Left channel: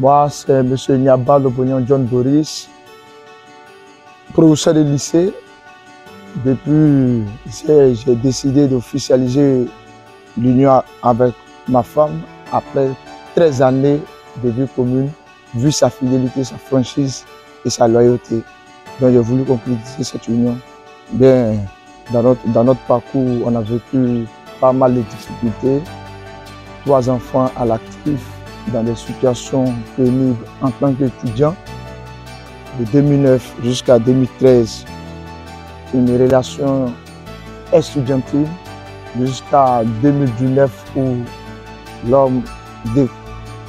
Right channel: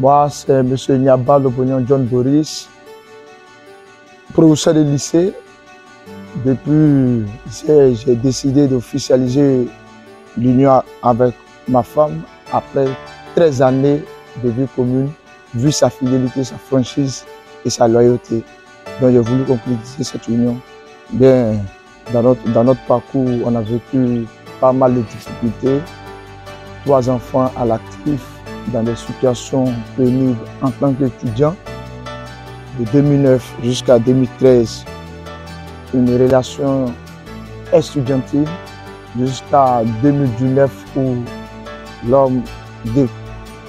Moi, c'est M. Niaba Lobognon John Boris, professeur de lycée. Depuis, j'ai décidé d'officialiser l'union avec ma femme après 13 années de vie commune, vu sa fidélité, sa franchise et sa loyauté. Donc j'ai voulu concrétiser cette union. Bien, dans notre parcours, on a vécu pas mal de difficultés. 3 enfants à l'actif dans des situations pénibles en tant qu'étudiant. De 2009 jusqu'à 2013, une relation estudiantine jusqu'à 2019 où l'homme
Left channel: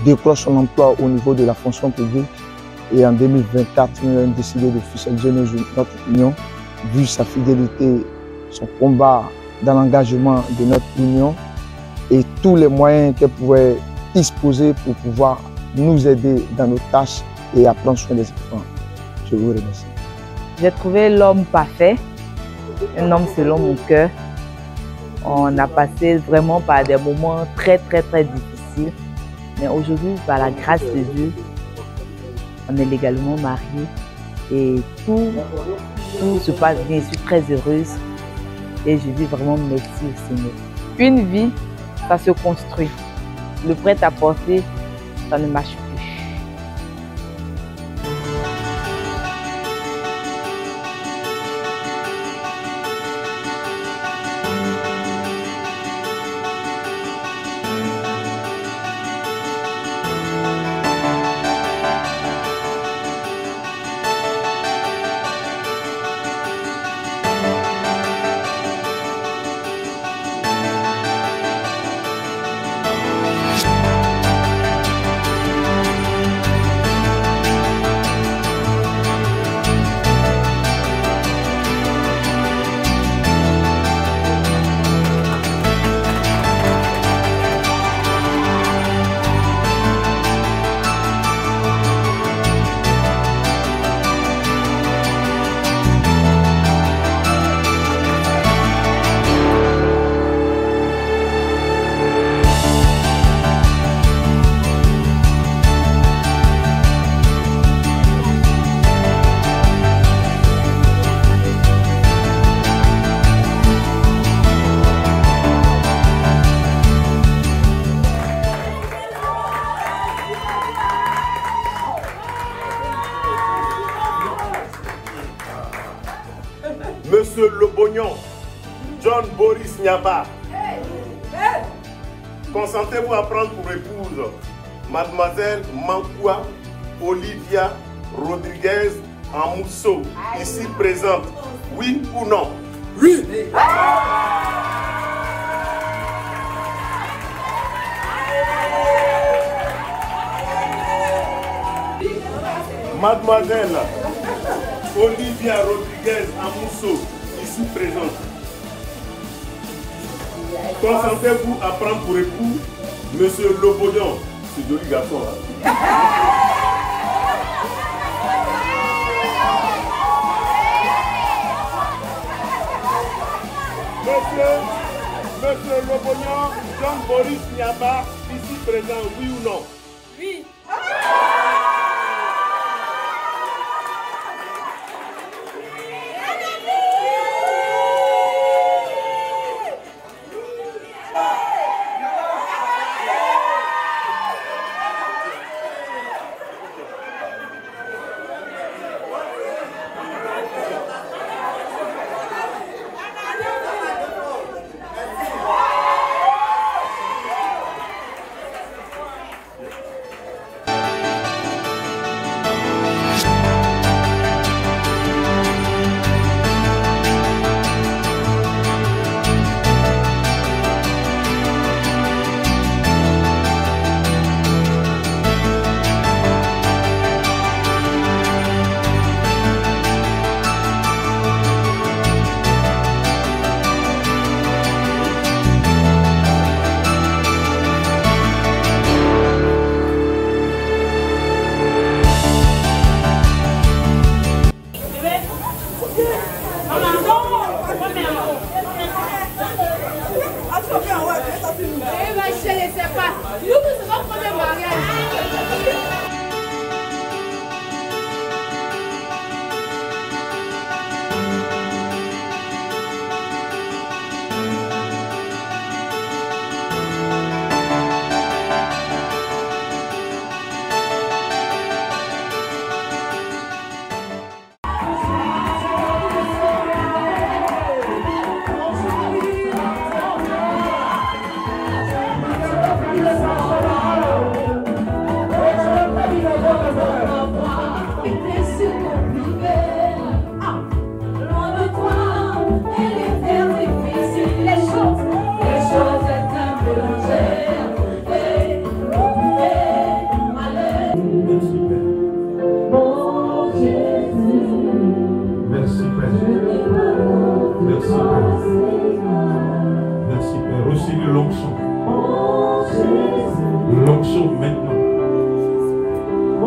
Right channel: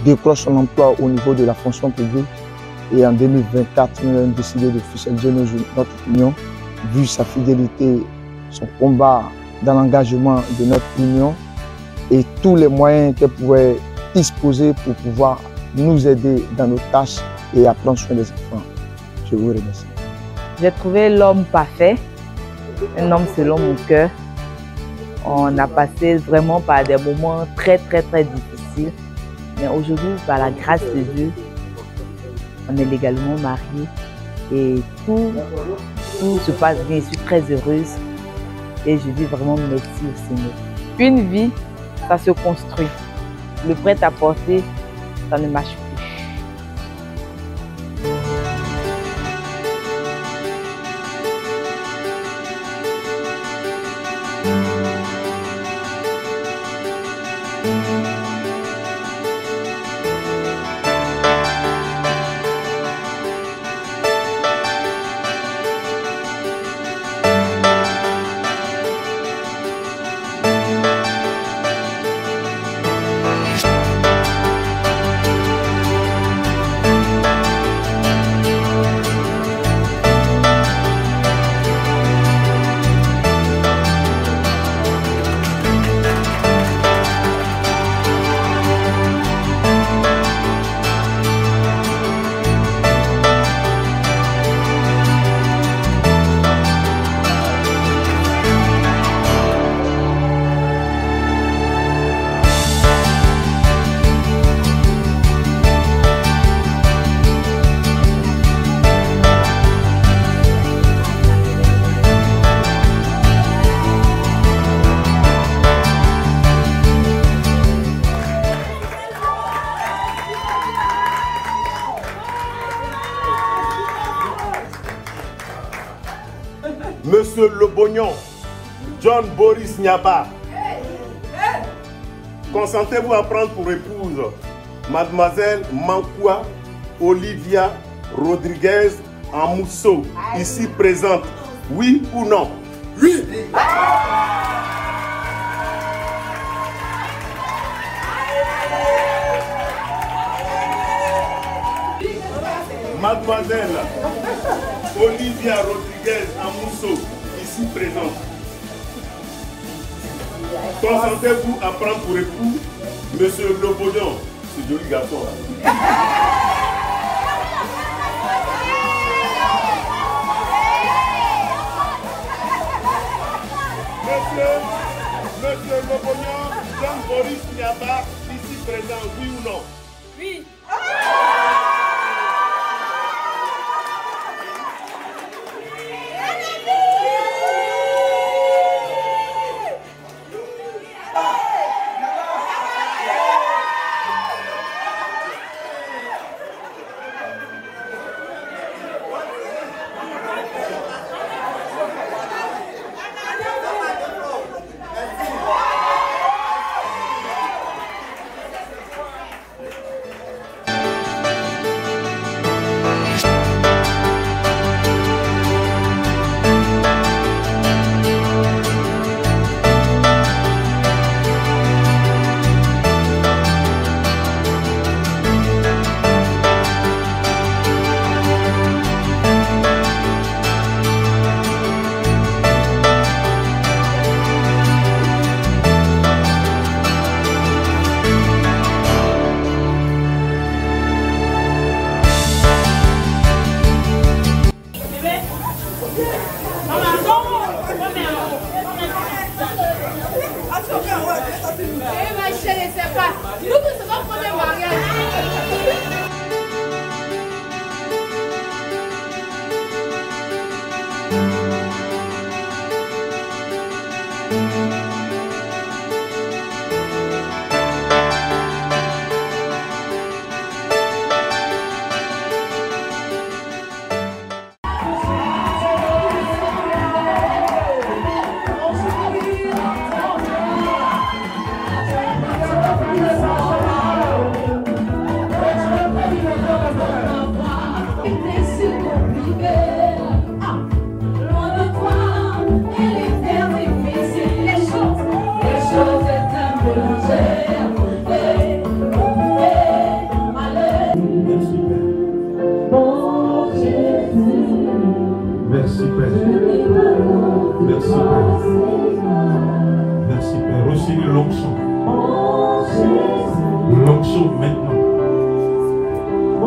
décroche son emploi au niveau de la fonction publique. Et en 2024, nous avons décidé d'officialiser notre union, vu sa fidélité, son combat dans l'engagement de notre union et tous les moyens qu'elle pouvait disposer pour pouvoir nous aider dans nos tâches et à prendre soin des enfants. Je vous remercie. J'ai trouvé l'homme parfait, un homme selon mon cœur. On a passé vraiment par des moments très difficiles. Mais aujourd'hui, par la grâce de Dieu, on est légalement mariés et tout se passe bien. Je suis très heureuse et je dis vraiment merci au Seigneur. Une vie, ça se construit. Le prêt-à-porter, ça ne marche plus. Monsieur Lobognon, John Boris Niaba, consentez-vous à prendre pour épouse Mademoiselle Mankoua Olivia Rodriguez Amousso, ici présente, oui ou non? Oui. Mademoiselle Olivia Rodriguez Amousso, ici présente. Consentez-vous à prendre pour époux Monsieur Lobognon, ce joli garçon là. Monsieur Lobognon, John Boris Niaba, ici présent, oui ou non? Oui.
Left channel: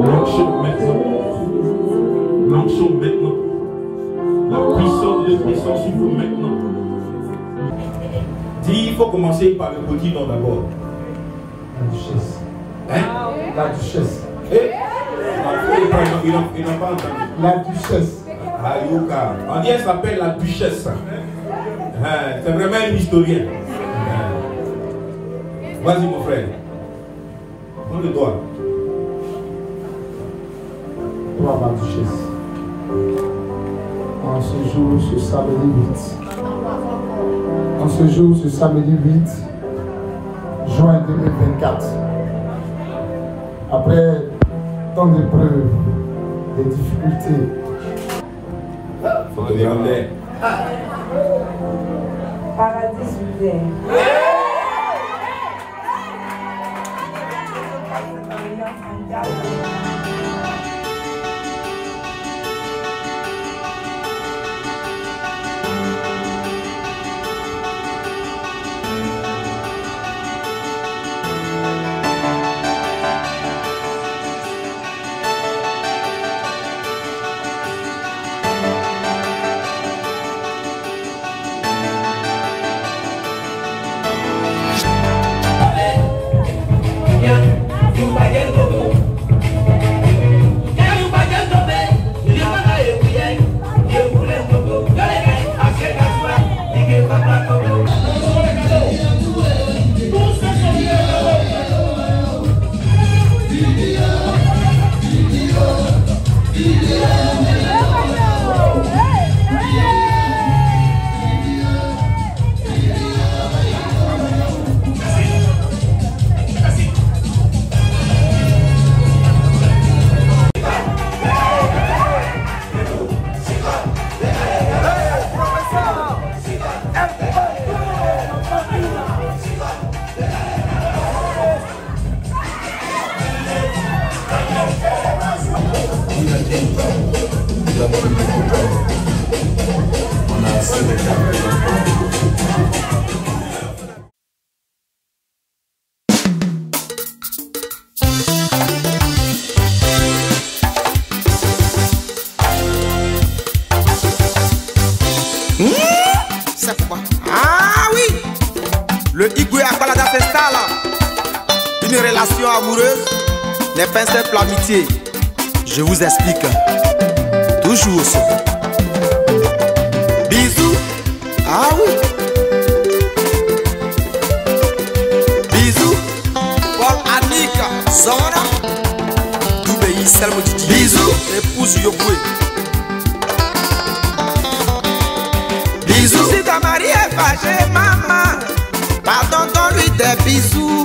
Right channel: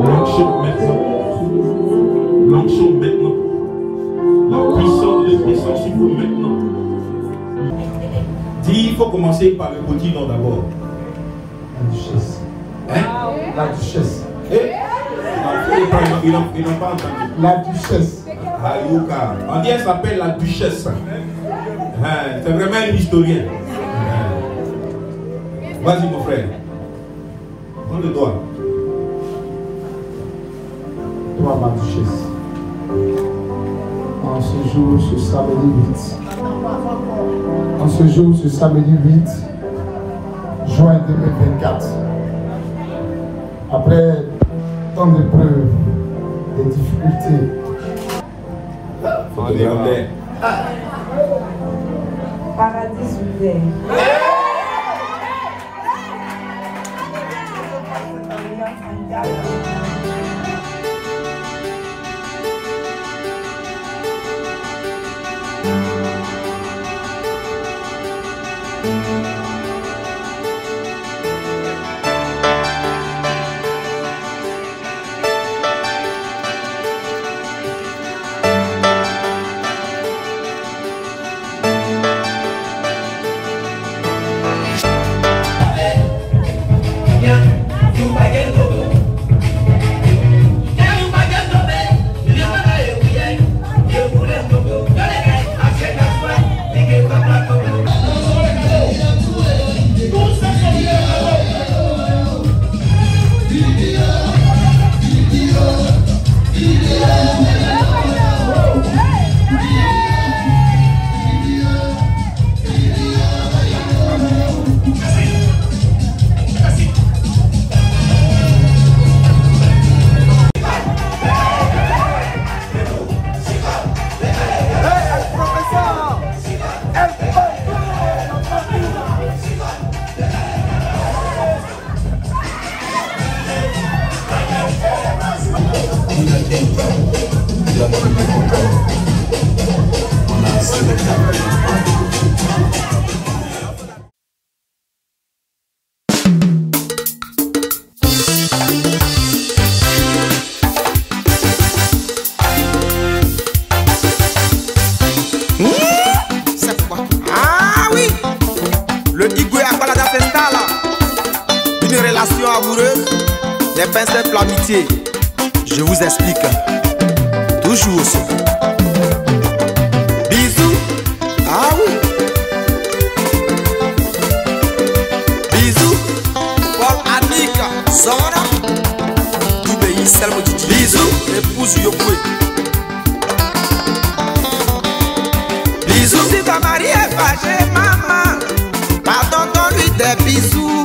Marchez maintenant. Marchons maintenant. La puissance de l'Esprit sur vous maintenant. Dis, il faut commencer par le petit nom d'abord. La duchesse. Hein? La duchesse. Ils n'ont pas entendu. La duchesse. Ayuka. On dit elle s'appelle la duchesse. C'est vraiment un historien. Vas-y mon frère. Prends le doigt. Toi, ma duchesse. En ce jour, ce samedi 8. En ce jour, ce samedi 8 juin 2024. Après tant d'épreuves, des difficultés. Photographe. Paradis soudain. C'est pourquoi? Ah oui! Le Igwe Akbalada s'installe. Une relation amoureuse n'est pas simple l'amitié. Je vous explique. Toujours aussi. Bisous. Ah oui. Bisous. Paul Annika Zona. Tout pays Selmo Didi. Bisous. Épouse Yoboué. Bisous. Si ta mari est fâché, maman, pardon, donne-lui des bisous.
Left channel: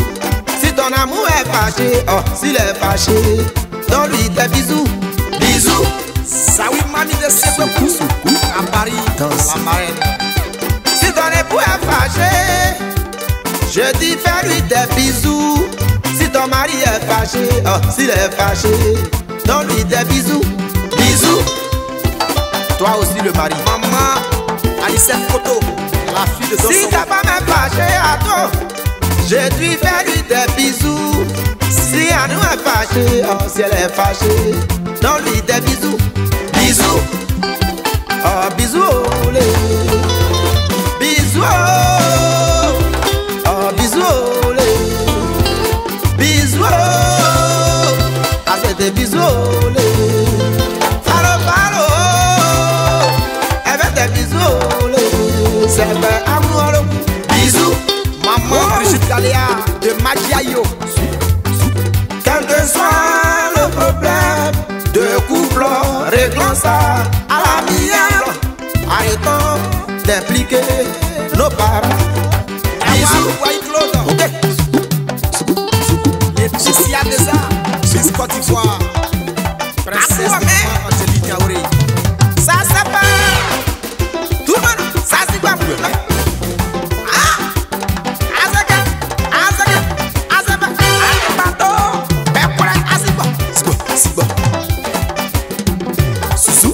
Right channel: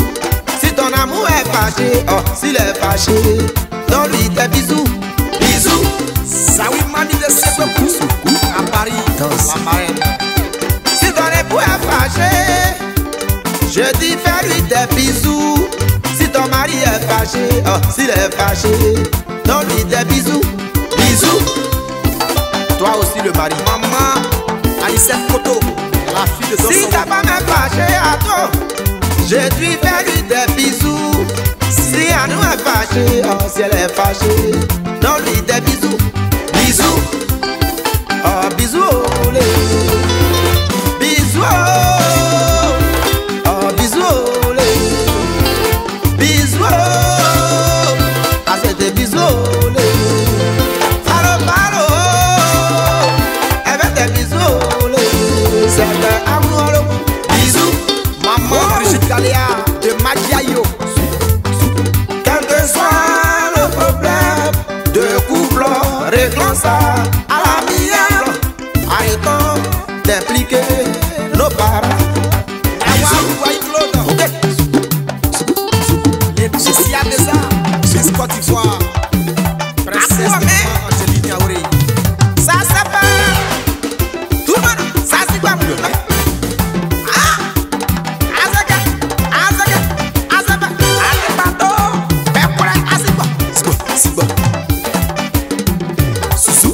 Si ton amour est fâché, oh, s'il est fâché, donne-lui des bisous. Bisous. Ça oui, mamie de Sekou, à Paris, dans la marraine. Si ton époux est fâché, je dis fais-lui des bisous. Si ton mari est fâché, oh, s'il est fâché, donne-lui des bisous. Bisous. Toi aussi le mari. Maman, Alicette Koto, la fille de ton Si ta femme est fâchée à toi, je dis fais-lui des bisous. Si à nous est fâchée, oh, si elle est fâchée, donne-lui des bisous. Bisous. Oh, bisous, olé. Bisous, oh, bisous, olé. Bisous, ah, c'est des bisous, olé. Falo, falo, avec des bisous, olé. C'est un amour, bisous. Maman Brigitte Galéa de Magiayo. Quel que soit le problème de couple, réglons ça à l'amiable. Arrêtons d'impliquer nos parents. Ok. Les petits a des arts, Miss Côte d'Ivoire, princesse de Angélique Yaouré. Ça c'est pas tout le monde, ça c'est pas pour ah, Azaka, Azaka, Azaka, Adebato, Pepora, Asiba, Siba, Susu,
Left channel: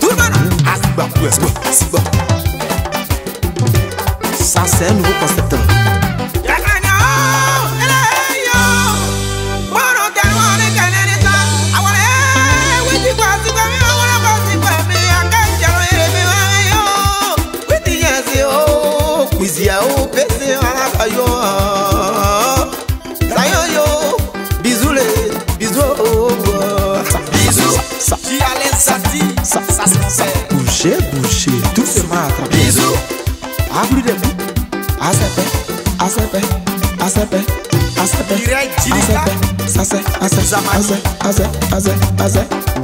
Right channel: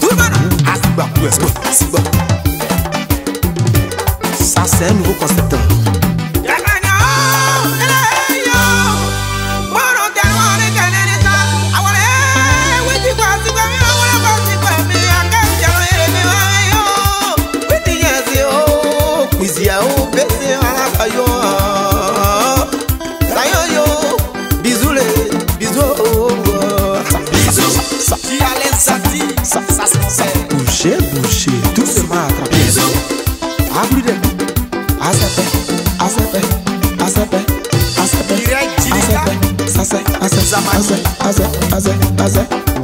tout le monde, Asiba, Siba, Qui a les artis, ça se fait. Bouger, bouger, doucement attraper. Bisous. À plus de bout. À sepe. Direct, Jilika.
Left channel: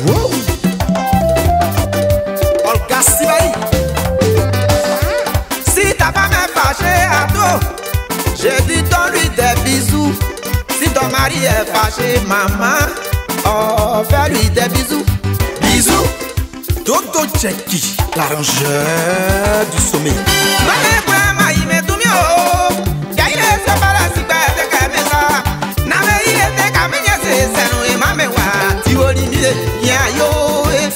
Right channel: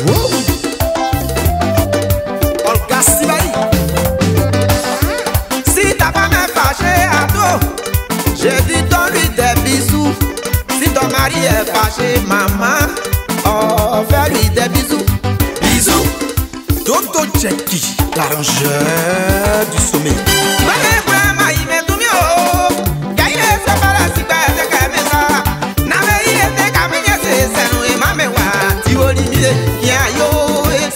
Wow. Olga Sibaï. Si ta femme est fâchée à dos, je dis donne-lui des bisous. Si ton mari est fâché, maman, oh, fais-lui des bisous. Bisous. Dodo Jackie, l'arrangeur du sommet.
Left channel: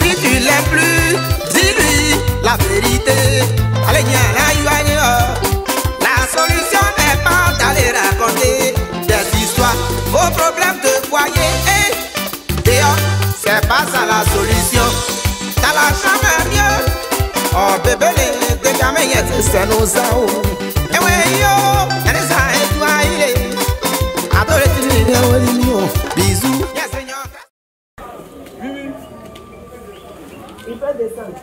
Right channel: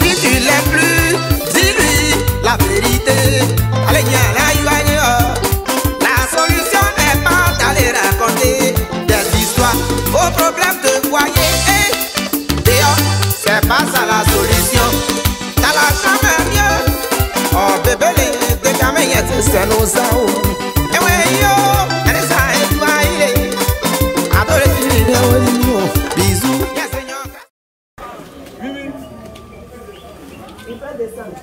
Si tu l'aimes plus, dis-lui la vérité. Allez, la solution n'est pas d'aller raconter des histoires, vos problèmes de foyer. D'ailleurs, c'est pas ça la solution. T'as la chambre mieux. Oh bébé, les caméras, c'est nos sao. Et ouais, yo, elle est ça, et toi, il est. Adore, bisous. Yes, Seigneur. Il peut descendre.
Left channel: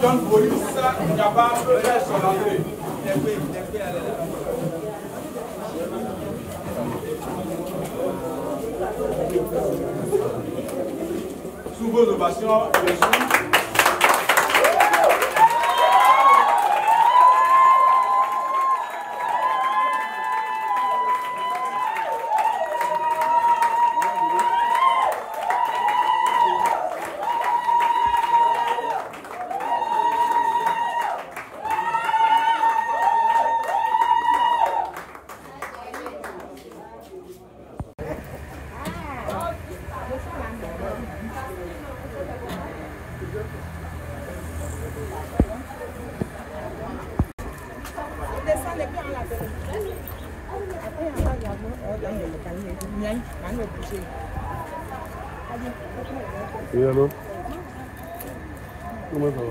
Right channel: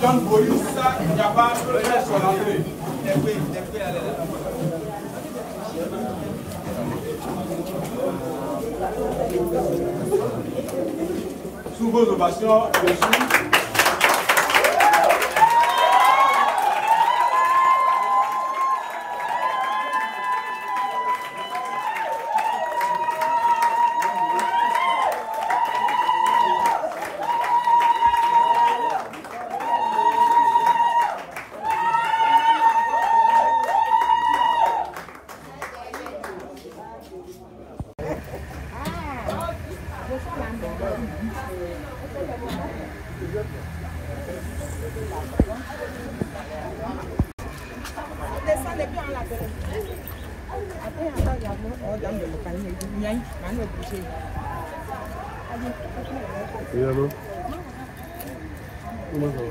John Boris capable de faire son entrée. Sous vos ovations, bien sûr. Et alors? Comment ça va?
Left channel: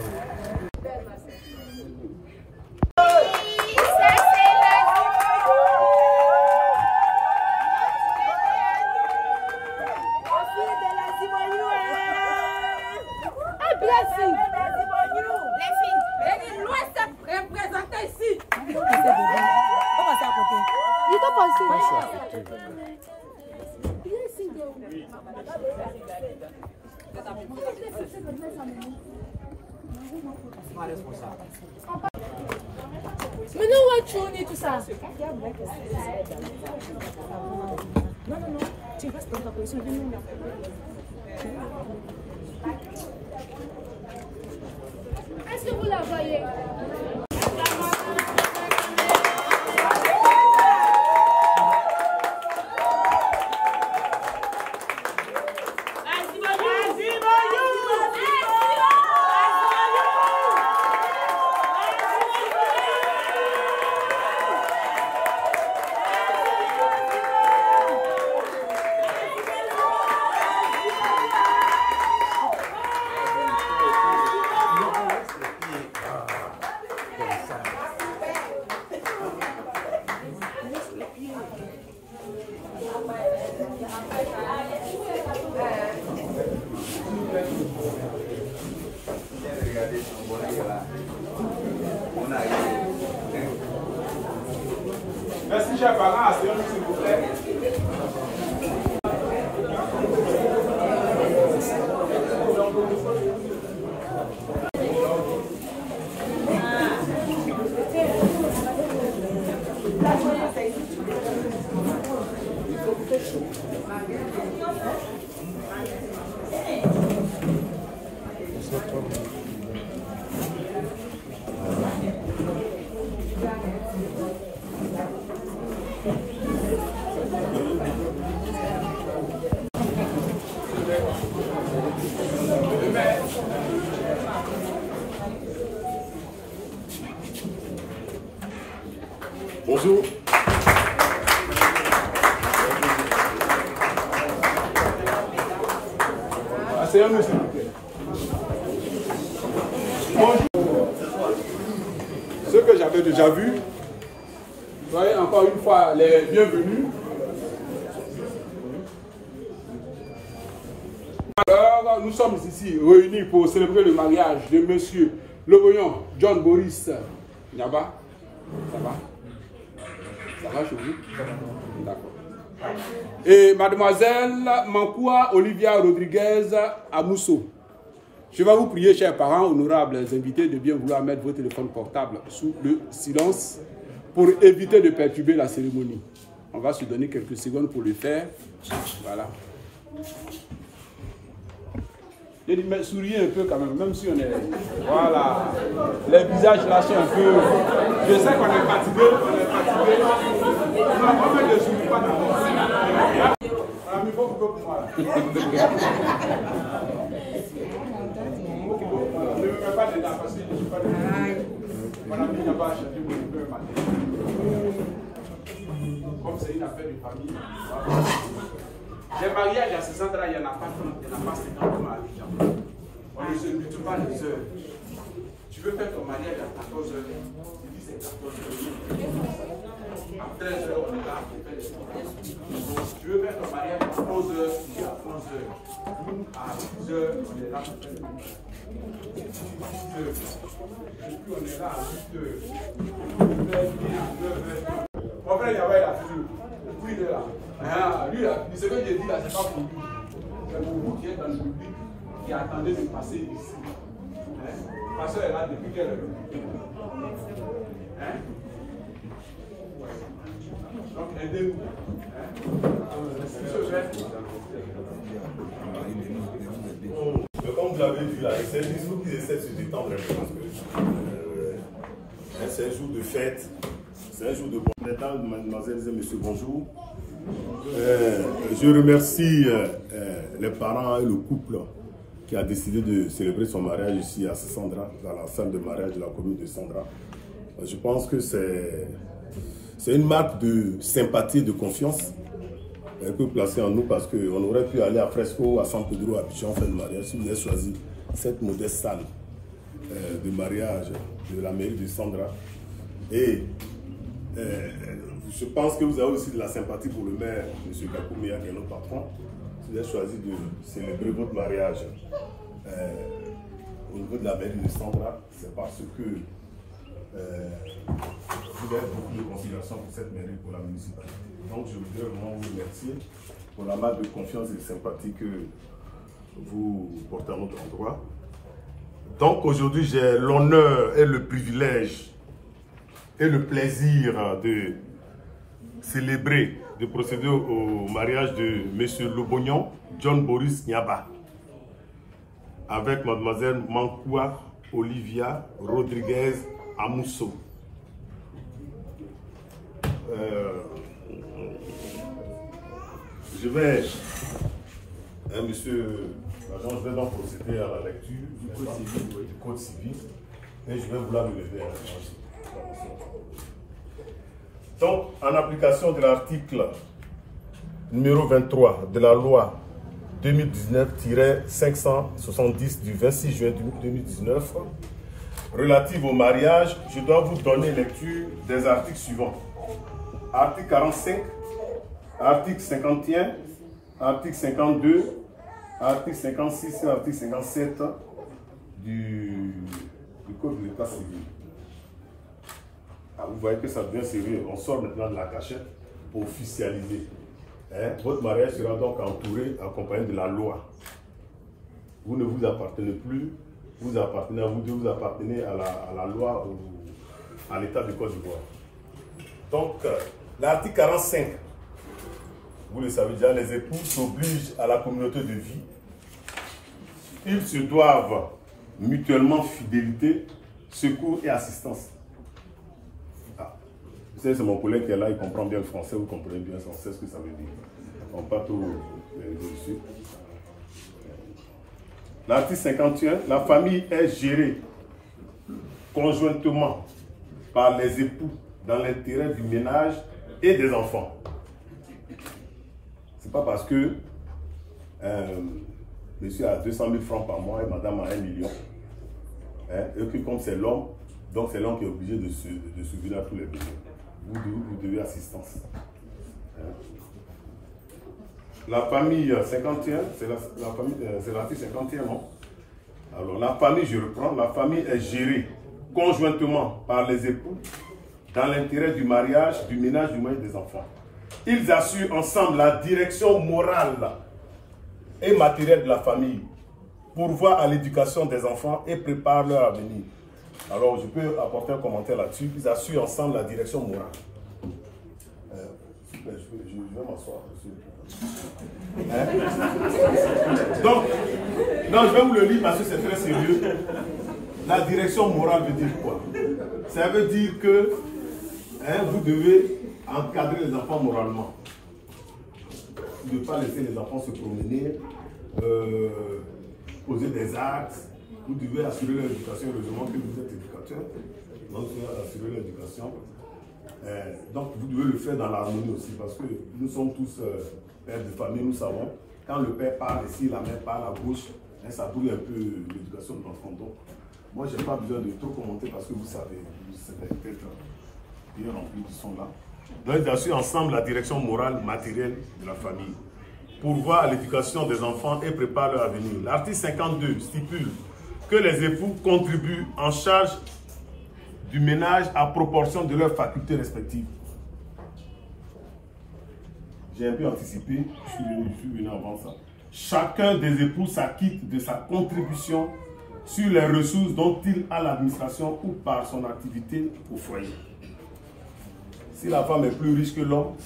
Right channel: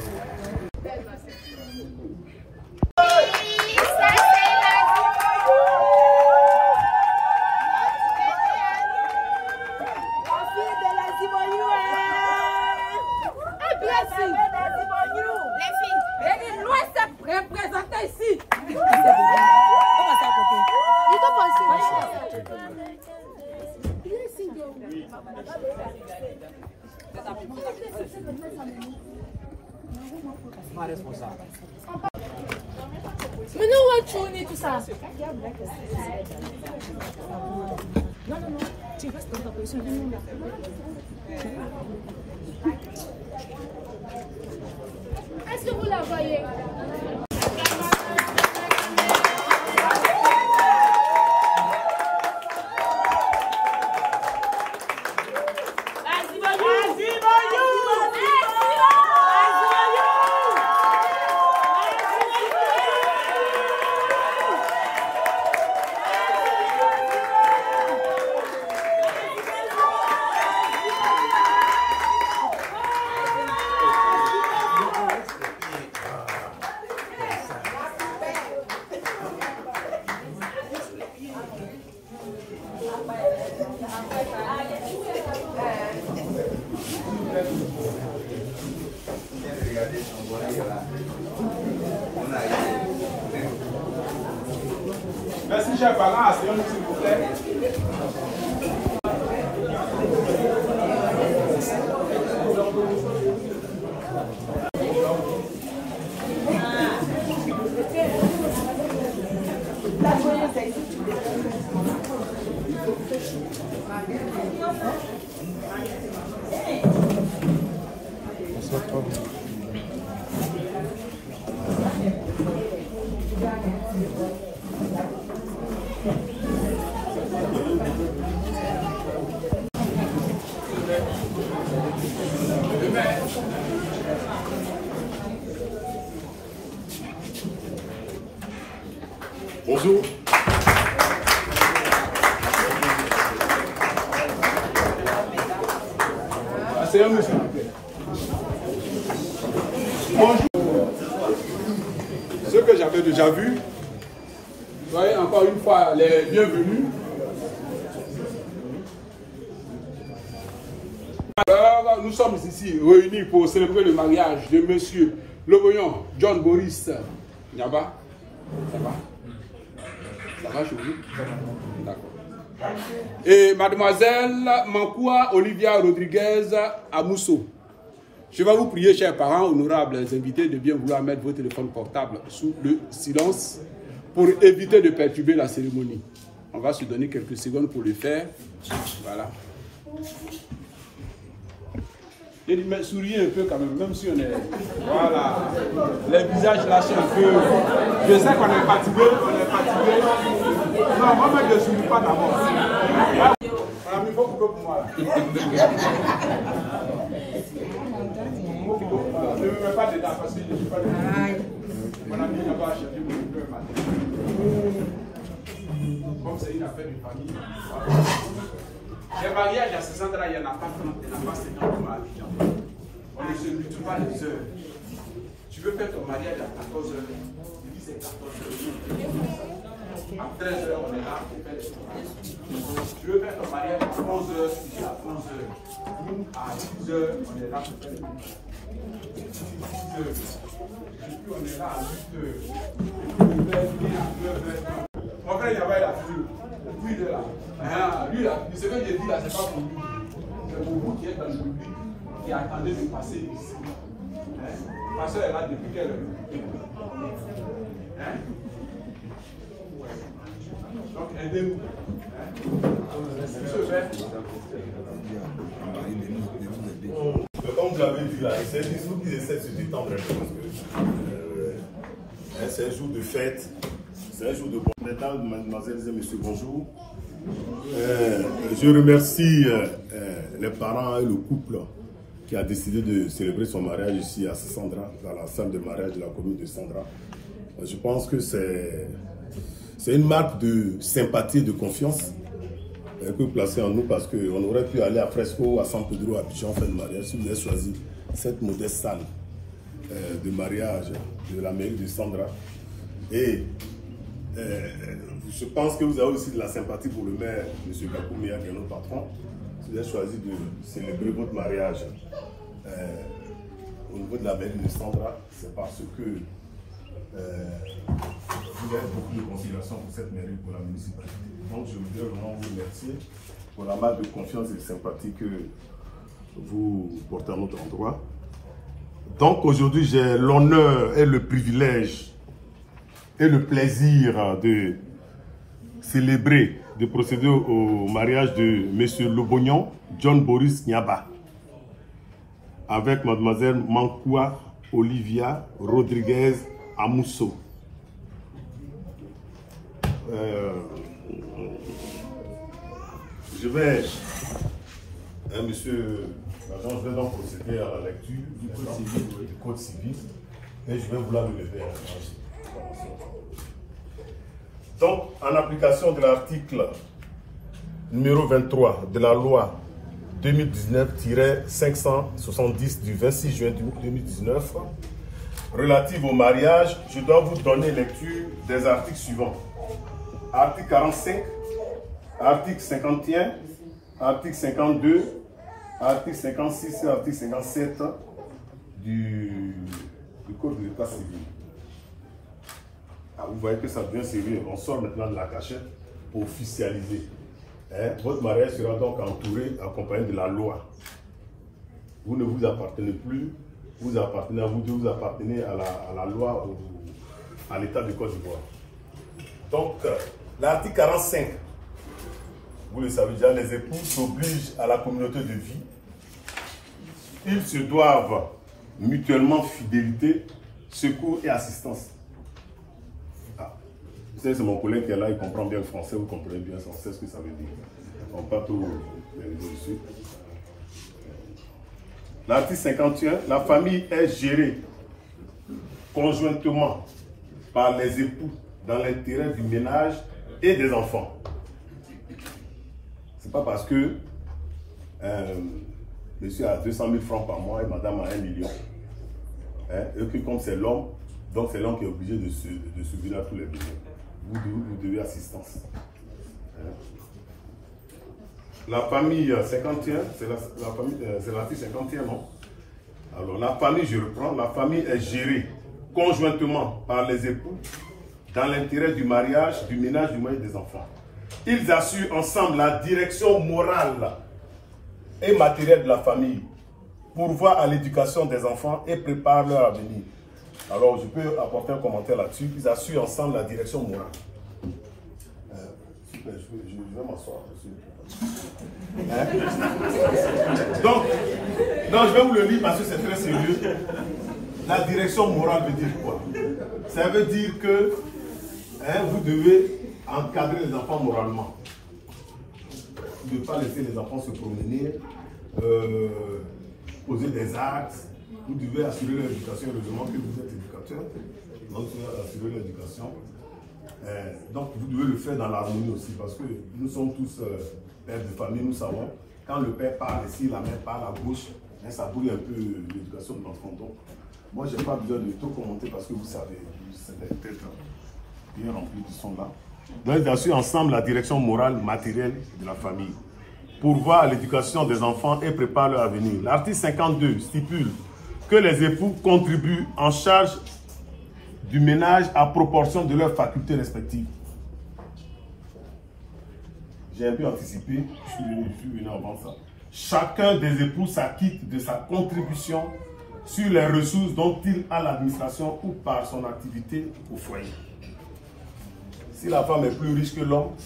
Mais non, chouni, tout ça. Non, non, non. Tu restes dans ta position. Est-ce que vous la voyez? Merci, chers parents. Asseyons-nous, s'il vous plaît. Bonjour. Asseyons-nous, s'il vous plaît. Bonjour. Ce que j'avais déjà vu, soyez encore une fois les bienvenus. Alors, nous sommes ici réunis pour célébrer le mariage de monsieur Loboyon John Boris Nyaba. Ça va? Ça va chez vous? D'accord. Et mademoiselle Mankoua Olivia Rodriguez Amousso. Je vais vous prier, chers parents, honorables invités, de bien vouloir mettre vos téléphones portables sous le silence pour éviter de perturber la cérémonie. On va se donner quelques secondes pour le faire. Voilà. Mais souriez un peu quand même si on est... Voilà. Les visages là sont un peu... Je sais qu'on est fatigué, Non, moi je ne souris pas d'abord. On a mis beaucoup pour moi. Ne me mets pas dedans parce que je ne suis pas dedans. Mon ami n'a pas acheté mon peu matin. Comme c'est une affaire de famille. Les mariages à 60 ans, il n'y en a pas 30, il n'y en a pas 50 mariages. On ne se multiplie pas les heures. Tu veux faire ton mariage à 14 heures, tu dis c'est 14 heures. À 13 heures, on est là pour faire les choses. Tu veux faire ton mariage à 11 heures, tu dis à 11 heures. À 10 heures, on est là pour faire les choses. Et puis on est là à 8 heures. Mon frère, il y avait la fille. Lui, il est là. Lui, ce que j'ai dit là, c'est pas pour lui. C'est pour vous qui êtes dans le public, qui attendez de passer ici. Ma soeur est là depuis quelle heure? Donc, aidez-nous. Comme vous l'avez dit là, c'est juste vous qui essaient de se détendre un peu parce que c'est un jour de fête, c'est un jour de bon. Mesdames, mademoiselles et messieurs, bonjour. Je remercie les parents et le couple qui a décidé de célébrer son mariage ici à Sandra, dans la salle de mariage de la commune de Sandra. Je pense que c'est une marque de sympathie et de confiance un peu placée en nous parce qu'on aurait pu aller à Fresco, à San Pedro, à Abidjan faire le mariage si vous avez choisi cette modeste salle de mariage de la mairie de Sandra. Et je pense que vous avez aussi de la sympathie pour le maire, M. Gakoumia, qui est notre patron. Si vous avez choisi de célébrer votre mariage au niveau de la mairie de Sandra, c'est parce que vous avez beaucoup de considération pour cette mairie, pour la municipalité. Donc je voudrais vraiment vous remercier pour la marque de confiance et de sympathie que vous portez à notre endroit. Donc aujourd'hui, j'ai l'honneur et le privilège ait le plaisir de célébrer, de procéder au mariage de M. Lobognon, John Boris Nyaba, avec Mademoiselle Mankoua Olivia Rodriguez Amousso. Je vais, monsieur l'agent, je vais donc procéder à la lecture du code civil et je vais vouloir me lever. Donc, en application de l'article numéro 23 de la loi 2019-570 du 26 juin 2019, relative au mariage, je dois vous donner lecture des articles suivants. Article 45, article 51, article 52, article 56 et article 57 du Code de l'État civil. Ah, vous voyez que ça devient sérieux. On sort maintenant de la cachette pour officialiser. Votre mariage sera donc entouré, accompagné de la loi. Vous ne vous appartenez plus, vous appartenez à vous deux, vous appartenez à la loi, à l'État de Côte d'Ivoire. Donc, l'article 45, vous le savez déjà, les époux s'obligent à la communauté de vie. Ils se doivent mutuellement fidélité, secours et assistance. Vous savez, c'est mon collègue qui est là, il comprend bien le français, vous comprenez bien, on sait ce que ça veut dire. On ne va pas tout dessus. L'article 51, la famille est gérée conjointement par les époux dans l'intérêt du ménage et des enfants. Ce n'est pas parce que monsieur a 200 000 francs par mois et madame a 1 million. Et que comme c'est l'homme, donc c'est l'homme qui est obligé de subvenir à tous les besoins. Vous devez assistance. La famille 51, c'est l'article 51, non? Alors la famille, je reprends, la famille est gérée conjointement par les époux dans l'intérêt du mariage, du ménage, du moyen des enfants. Ils assurent ensemble la direction morale et matérielle de la famille, pourvoient à l'éducation des enfants et préparent leur avenir. Alors, je peux apporter un commentaire là-dessus. Ils assurent ensemble la direction morale. Super, je vais m'asseoir. Donc, non, je vais vous le lire parce que c'est très sérieux. La direction morale veut dire quoi? Ça veut dire que vous devez encadrer les enfants moralement. Ne pas laisser les enfants se promener, poser des actes. Vous devez assurer leur éducation, heureusement que vous êtes éducateur, donc vous devez assurer leur éducation. Donc vous devez le faire dans l'harmonie aussi, parce que nous sommes tous pères de famille, nous savons, quand le père parle ici, la mère parle à gauche, ça brouille un peu l'éducation de l'enfant. Donc moi je n'ai pas besoin de trop commenter parce que vous savez, c'est peut-être bien rempli qui sont là. Donc ils assurent ensemble la direction morale, matérielle de la famille, pourvoient à l'éducation des enfants et préparent leur avenir. L'article 52 stipule que les époux contribuent en charge du ménage à proportion de leurs facultés respectives. J'ai un peu anticipé, je suis venu avant ça. Chacun des époux s'acquitte de sa contribution sur les ressources dont il a l'administration ou par son activité au foyer. Si la femme est plus riche que l'homme,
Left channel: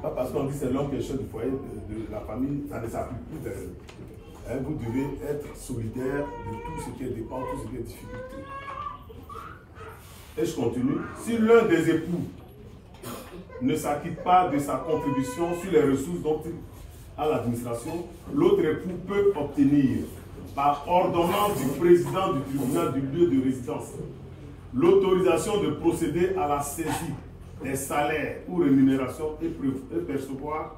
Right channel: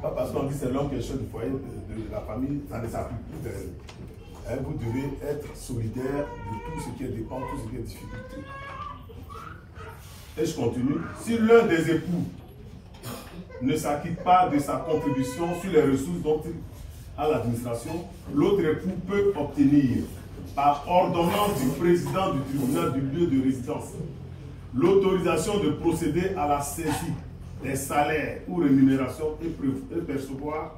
pas parce qu'on dit que c'est l'homme qui est chef du foyer, de la famille, ça ne s'applique plus. Vous devez être solidaire de tout ce qui est dépense, tout ce qui est difficulté. Et je continue. Si l'un des époux ne s'acquitte pas de sa contribution sur les ressources dont il a l'administration, l'autre époux peut obtenir, par ordonnance du président du tribunal du lieu de résidence, l'autorisation de procéder à la saisie des salaires ou rémunérations et percevoir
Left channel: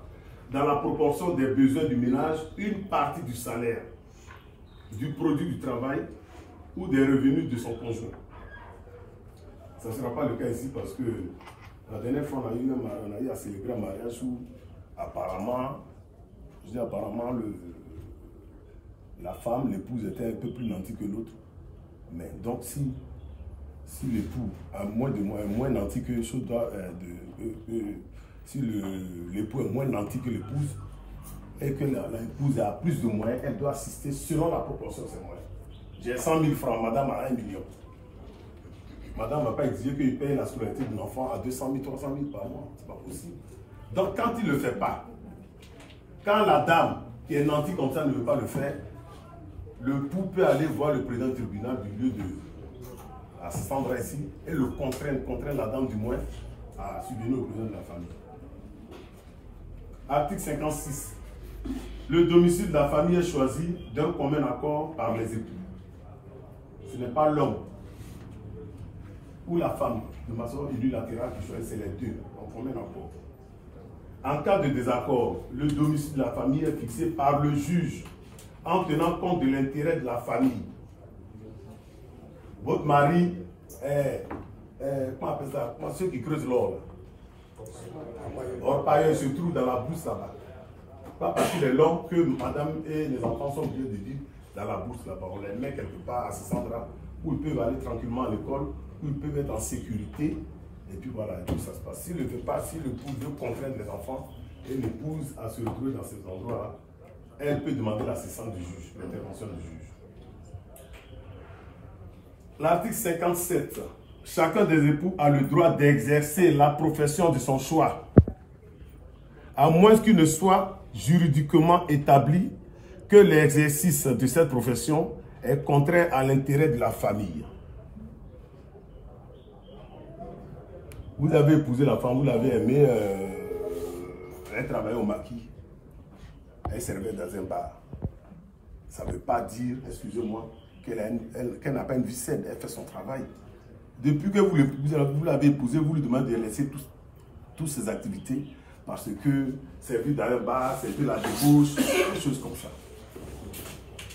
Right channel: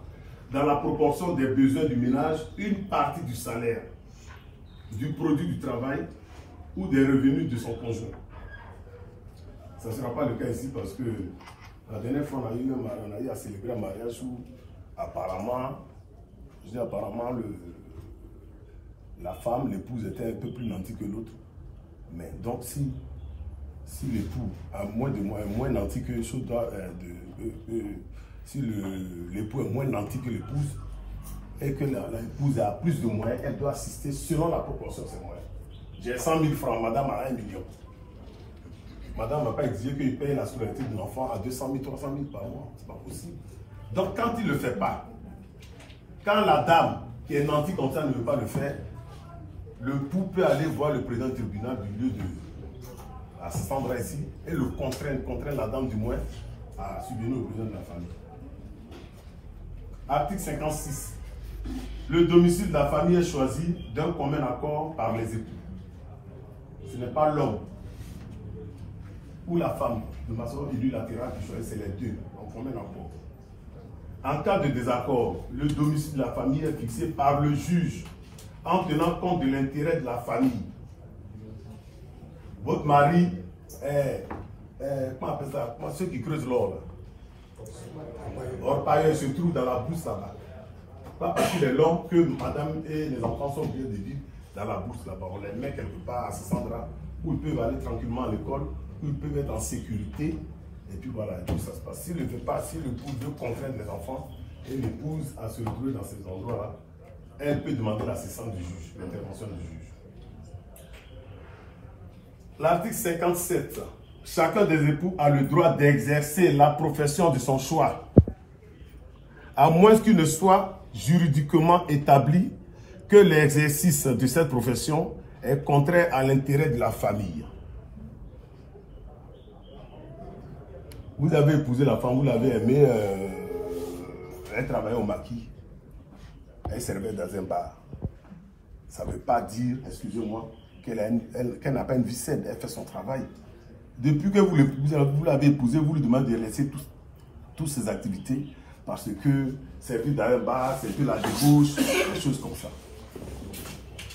dans la proportion des besoins du ménage une partie du salaire, du produit du travail ou des revenus de son conjoint. Ça ne sera pas le cas ici parce que la dernière fois on a eu à célébrer un mariage où apparemment, la femme, l'épouse était un peu plus nantie que l'autre. Mais donc si l'époux a moins nanti que si l'époux est moins nanti que l'épouse et que l'épouse a plus de moyens, elle doit assister selon la proportion de ses moyens. J'ai 100 000 francs, madame a 1 million. madame ne va pas exiger qu'il paye la scolarité d'un enfant à 200 000, 300 000 par mois. Ce n'est pas possible. Donc, quand il ne le fait pas, quand la dame qui est nantie comme ça ne veut pas le faire, le pou peut aller voir le président du tribunal du lieu de Sandra ici et le contraindre la dame du moins à subvenir au président de la famille. Article 56. Le domicile de la famille est choisi d'un commun accord par les époux. Ce n'est pas l'homme ou la femme de façon unilatérale qui choisit, c'est les deux, en commun accord. En cas de désaccord, le domicile de la famille est fixé par le juge en tenant compte de l'intérêt de la famille. Votre mari est, comment on appelle ça, ceux qui creusent l'or. Or, par ailleurs, se trouve dans la bourse là-bas. Pas parce qu'il est l'homme que madame et les enfants sont obligés de vivre dans la bourse là-bas. On les met quelque part à Sandra où ils peuvent aller tranquillement à l'école, où ils peuvent être en sécurité. Et puis voilà, tout ça se passe. S'il ne veut pas, si l'épouse veut contraindre les enfants et l'épouse à se retrouver dans ces endroits-là, elle peut demander l'assistance du juge, l'intervention du juge. L'article 57. Chacun des époux a le droit d'exercer la profession de son choix, à moins qu'il ne soit juridiquement établi que l'exercice de cette profession est contraire à l'intérêt de la famille. Vous avez épousé la femme, vous l'avez aimée, elle travaillait au maquis, elle servait dans un bar. Ça ne veut pas dire, excusez-moi, qu'elle n'a pas une vie saine, elle fait son travail. Depuis que vous l'avez épousé, vous lui demandez de laisser toutes ses activités parce que servir dans un bar, servir la débauche, des choses comme ça.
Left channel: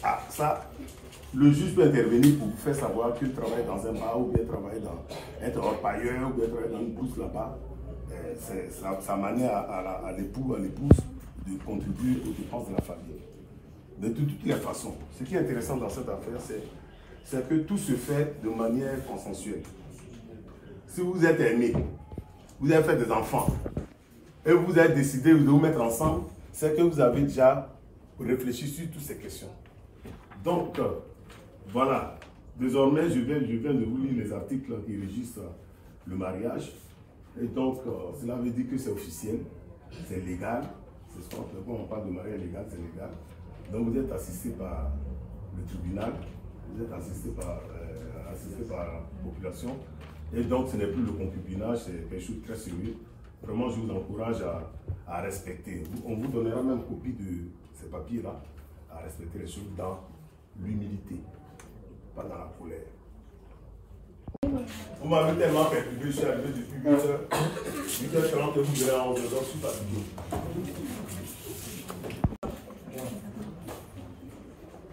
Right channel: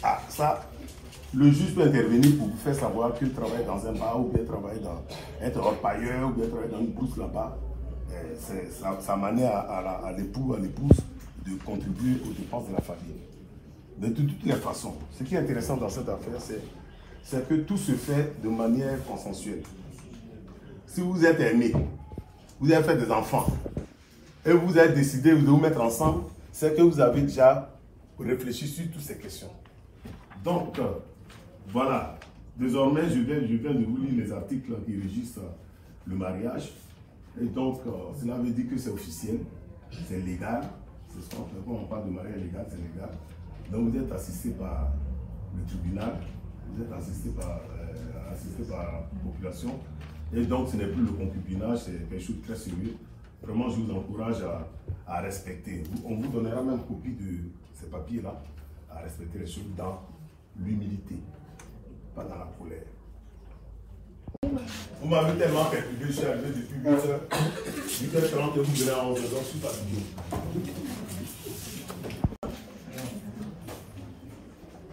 Ah, ça, le juge peut intervenir pour vous faire savoir qu'il travaille dans un bar ou bien travailler dans être orpailleur ou bien travailler dans une bourse là-bas. Ça mène à l'époux, à l'épouse de contribuer aux dépenses de la famille. De toutes les façons, ce qui est intéressant dans cette affaire, c'est que tout se fait de manière consensuelle. Si vous êtes aimé, vous avez fait des enfants, et vous avez décidé de vous mettre ensemble, c'est que vous avez déjà réfléchi sur toutes ces questions. Donc, voilà. Désormais, je viens de vous lire les articles qui régissent le mariage. Et donc, cela veut dire que c'est officiel, c'est légal. C'est ça, quand on parle de mariage légal, c'est légal. Donc, vous êtes assisté par le tribunal, vous êtes assisté par la population. Et donc, ce n'est plus le concubinage, c'est quelque chose de très sérieux. Vraiment, je vous encourage à respecter. On vous donnera même copie de ces papiers-là, à respecter les choses dans l'humilité, pas dans la colère. Vous m'avez tellement perturbé, je suis arrivé depuis 8h, 8h30 que vous venez à 11h, donc je suis fatigué.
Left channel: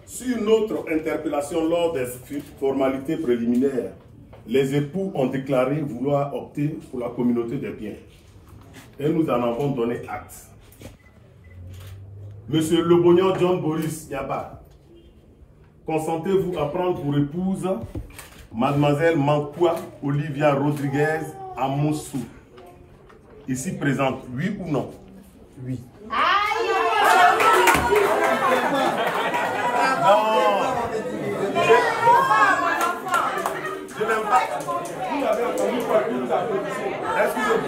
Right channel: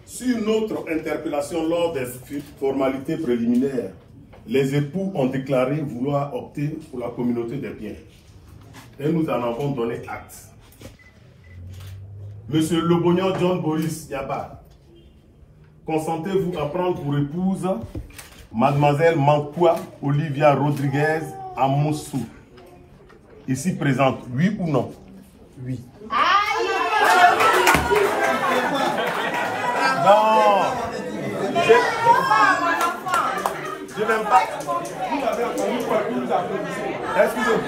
Sur une autre interpellation lors des formalités préliminaires, les époux ont déclaré vouloir opter pour la communauté des biens. Et nous en avons donné acte. Monsieur Lobognon John Boris Nyaba, consentez-vous à prendre pour épouse Mademoiselle Mankoua Olivia Rodriguez Amoussou, ici présente, oui ou non? Oui. Non. Je n'aime pas. Vous avez entendu quoi que vous applaudissez. Excusez-moi.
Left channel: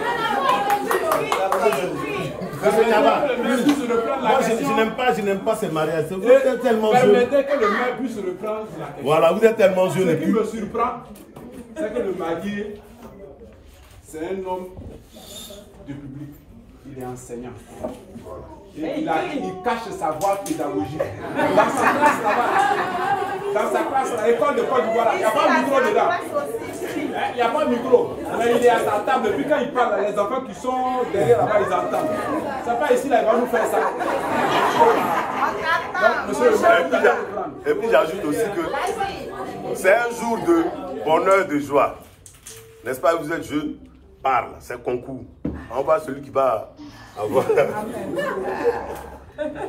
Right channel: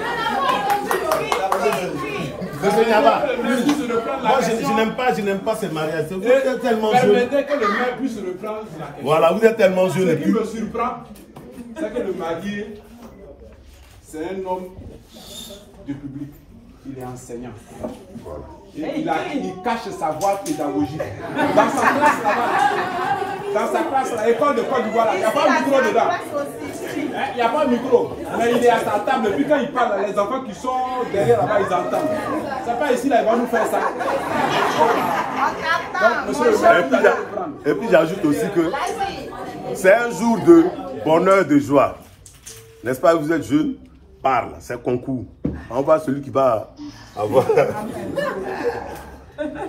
Je n'aime pas ce mariage. Vous êtes tellement jeune. Permettez que le maire puisse reprendre la question. Voilà, vous êtes tellement jeune. Ce qui me surprend, c'est que le marié, c'est un homme de public. Il est enseignant. Et il cache sa voix pédagogique. Dans sa classe là-bas, dans sa classe, là, l'école de Côte d'Ivoire, il n'y a pas de micro dedans. Il n'y a pas de micro. Mais il est à sa table. Depuis quand il parle, les enfants qui sont derrière là-bas, ils entendent. C'est pas ici, là, il va nous faire ça. Donc, et puis j'ajoute aussi que c'est un jour de bonheur, de joie. N'est-ce pas, vous êtes jeune, parle, c'est concours. On voit celui qui va avoir.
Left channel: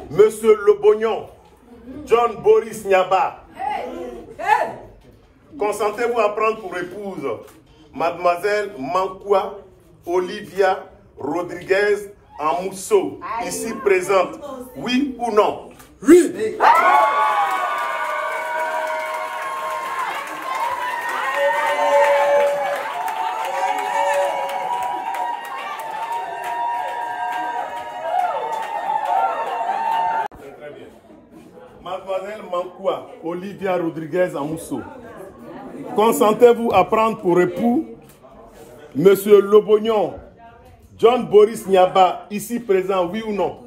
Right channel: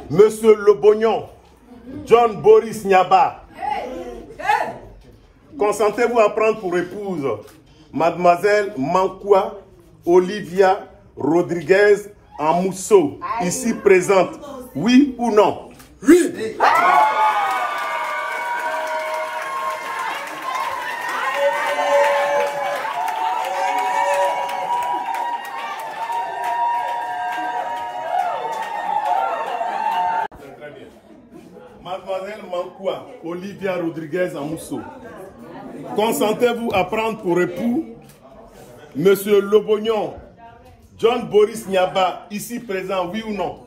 Monsieur Lobognon, John Boris Nyaba, consentez-vous à prendre pour épouse Mademoiselle Mankoua Olivia Rodriguez Amoussou, ici présente, oui ou non? Oui. Mankwa Olivia Rodriguez Amousso, consentez-vous à prendre pour époux Monsieur Lobognon John Boris Niaba, ici présent, oui ou non?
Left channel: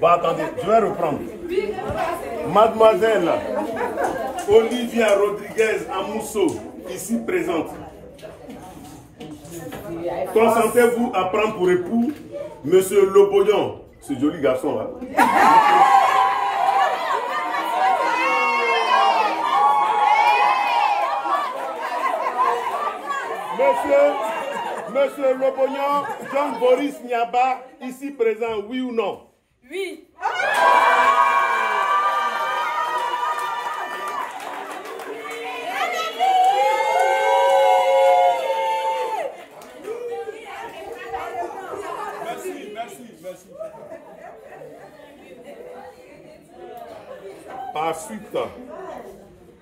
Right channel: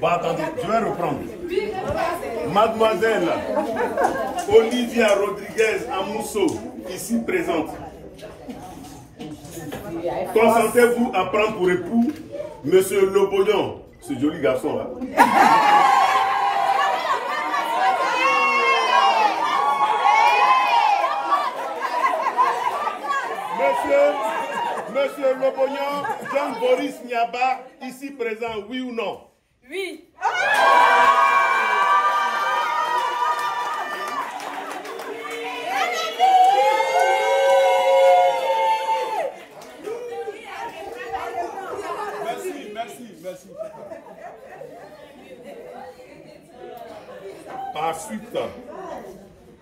Bon, attendez, je vais reprendre. Mademoiselle Olivia Rodriguez Amousso, ici présente. Consentez-vous à prendre pour époux Monsieur Lobognon, ce joli garçon là? Monsieur Lobognon, John Boris Niaba, ici présent, oui ou non? Oui. Merci.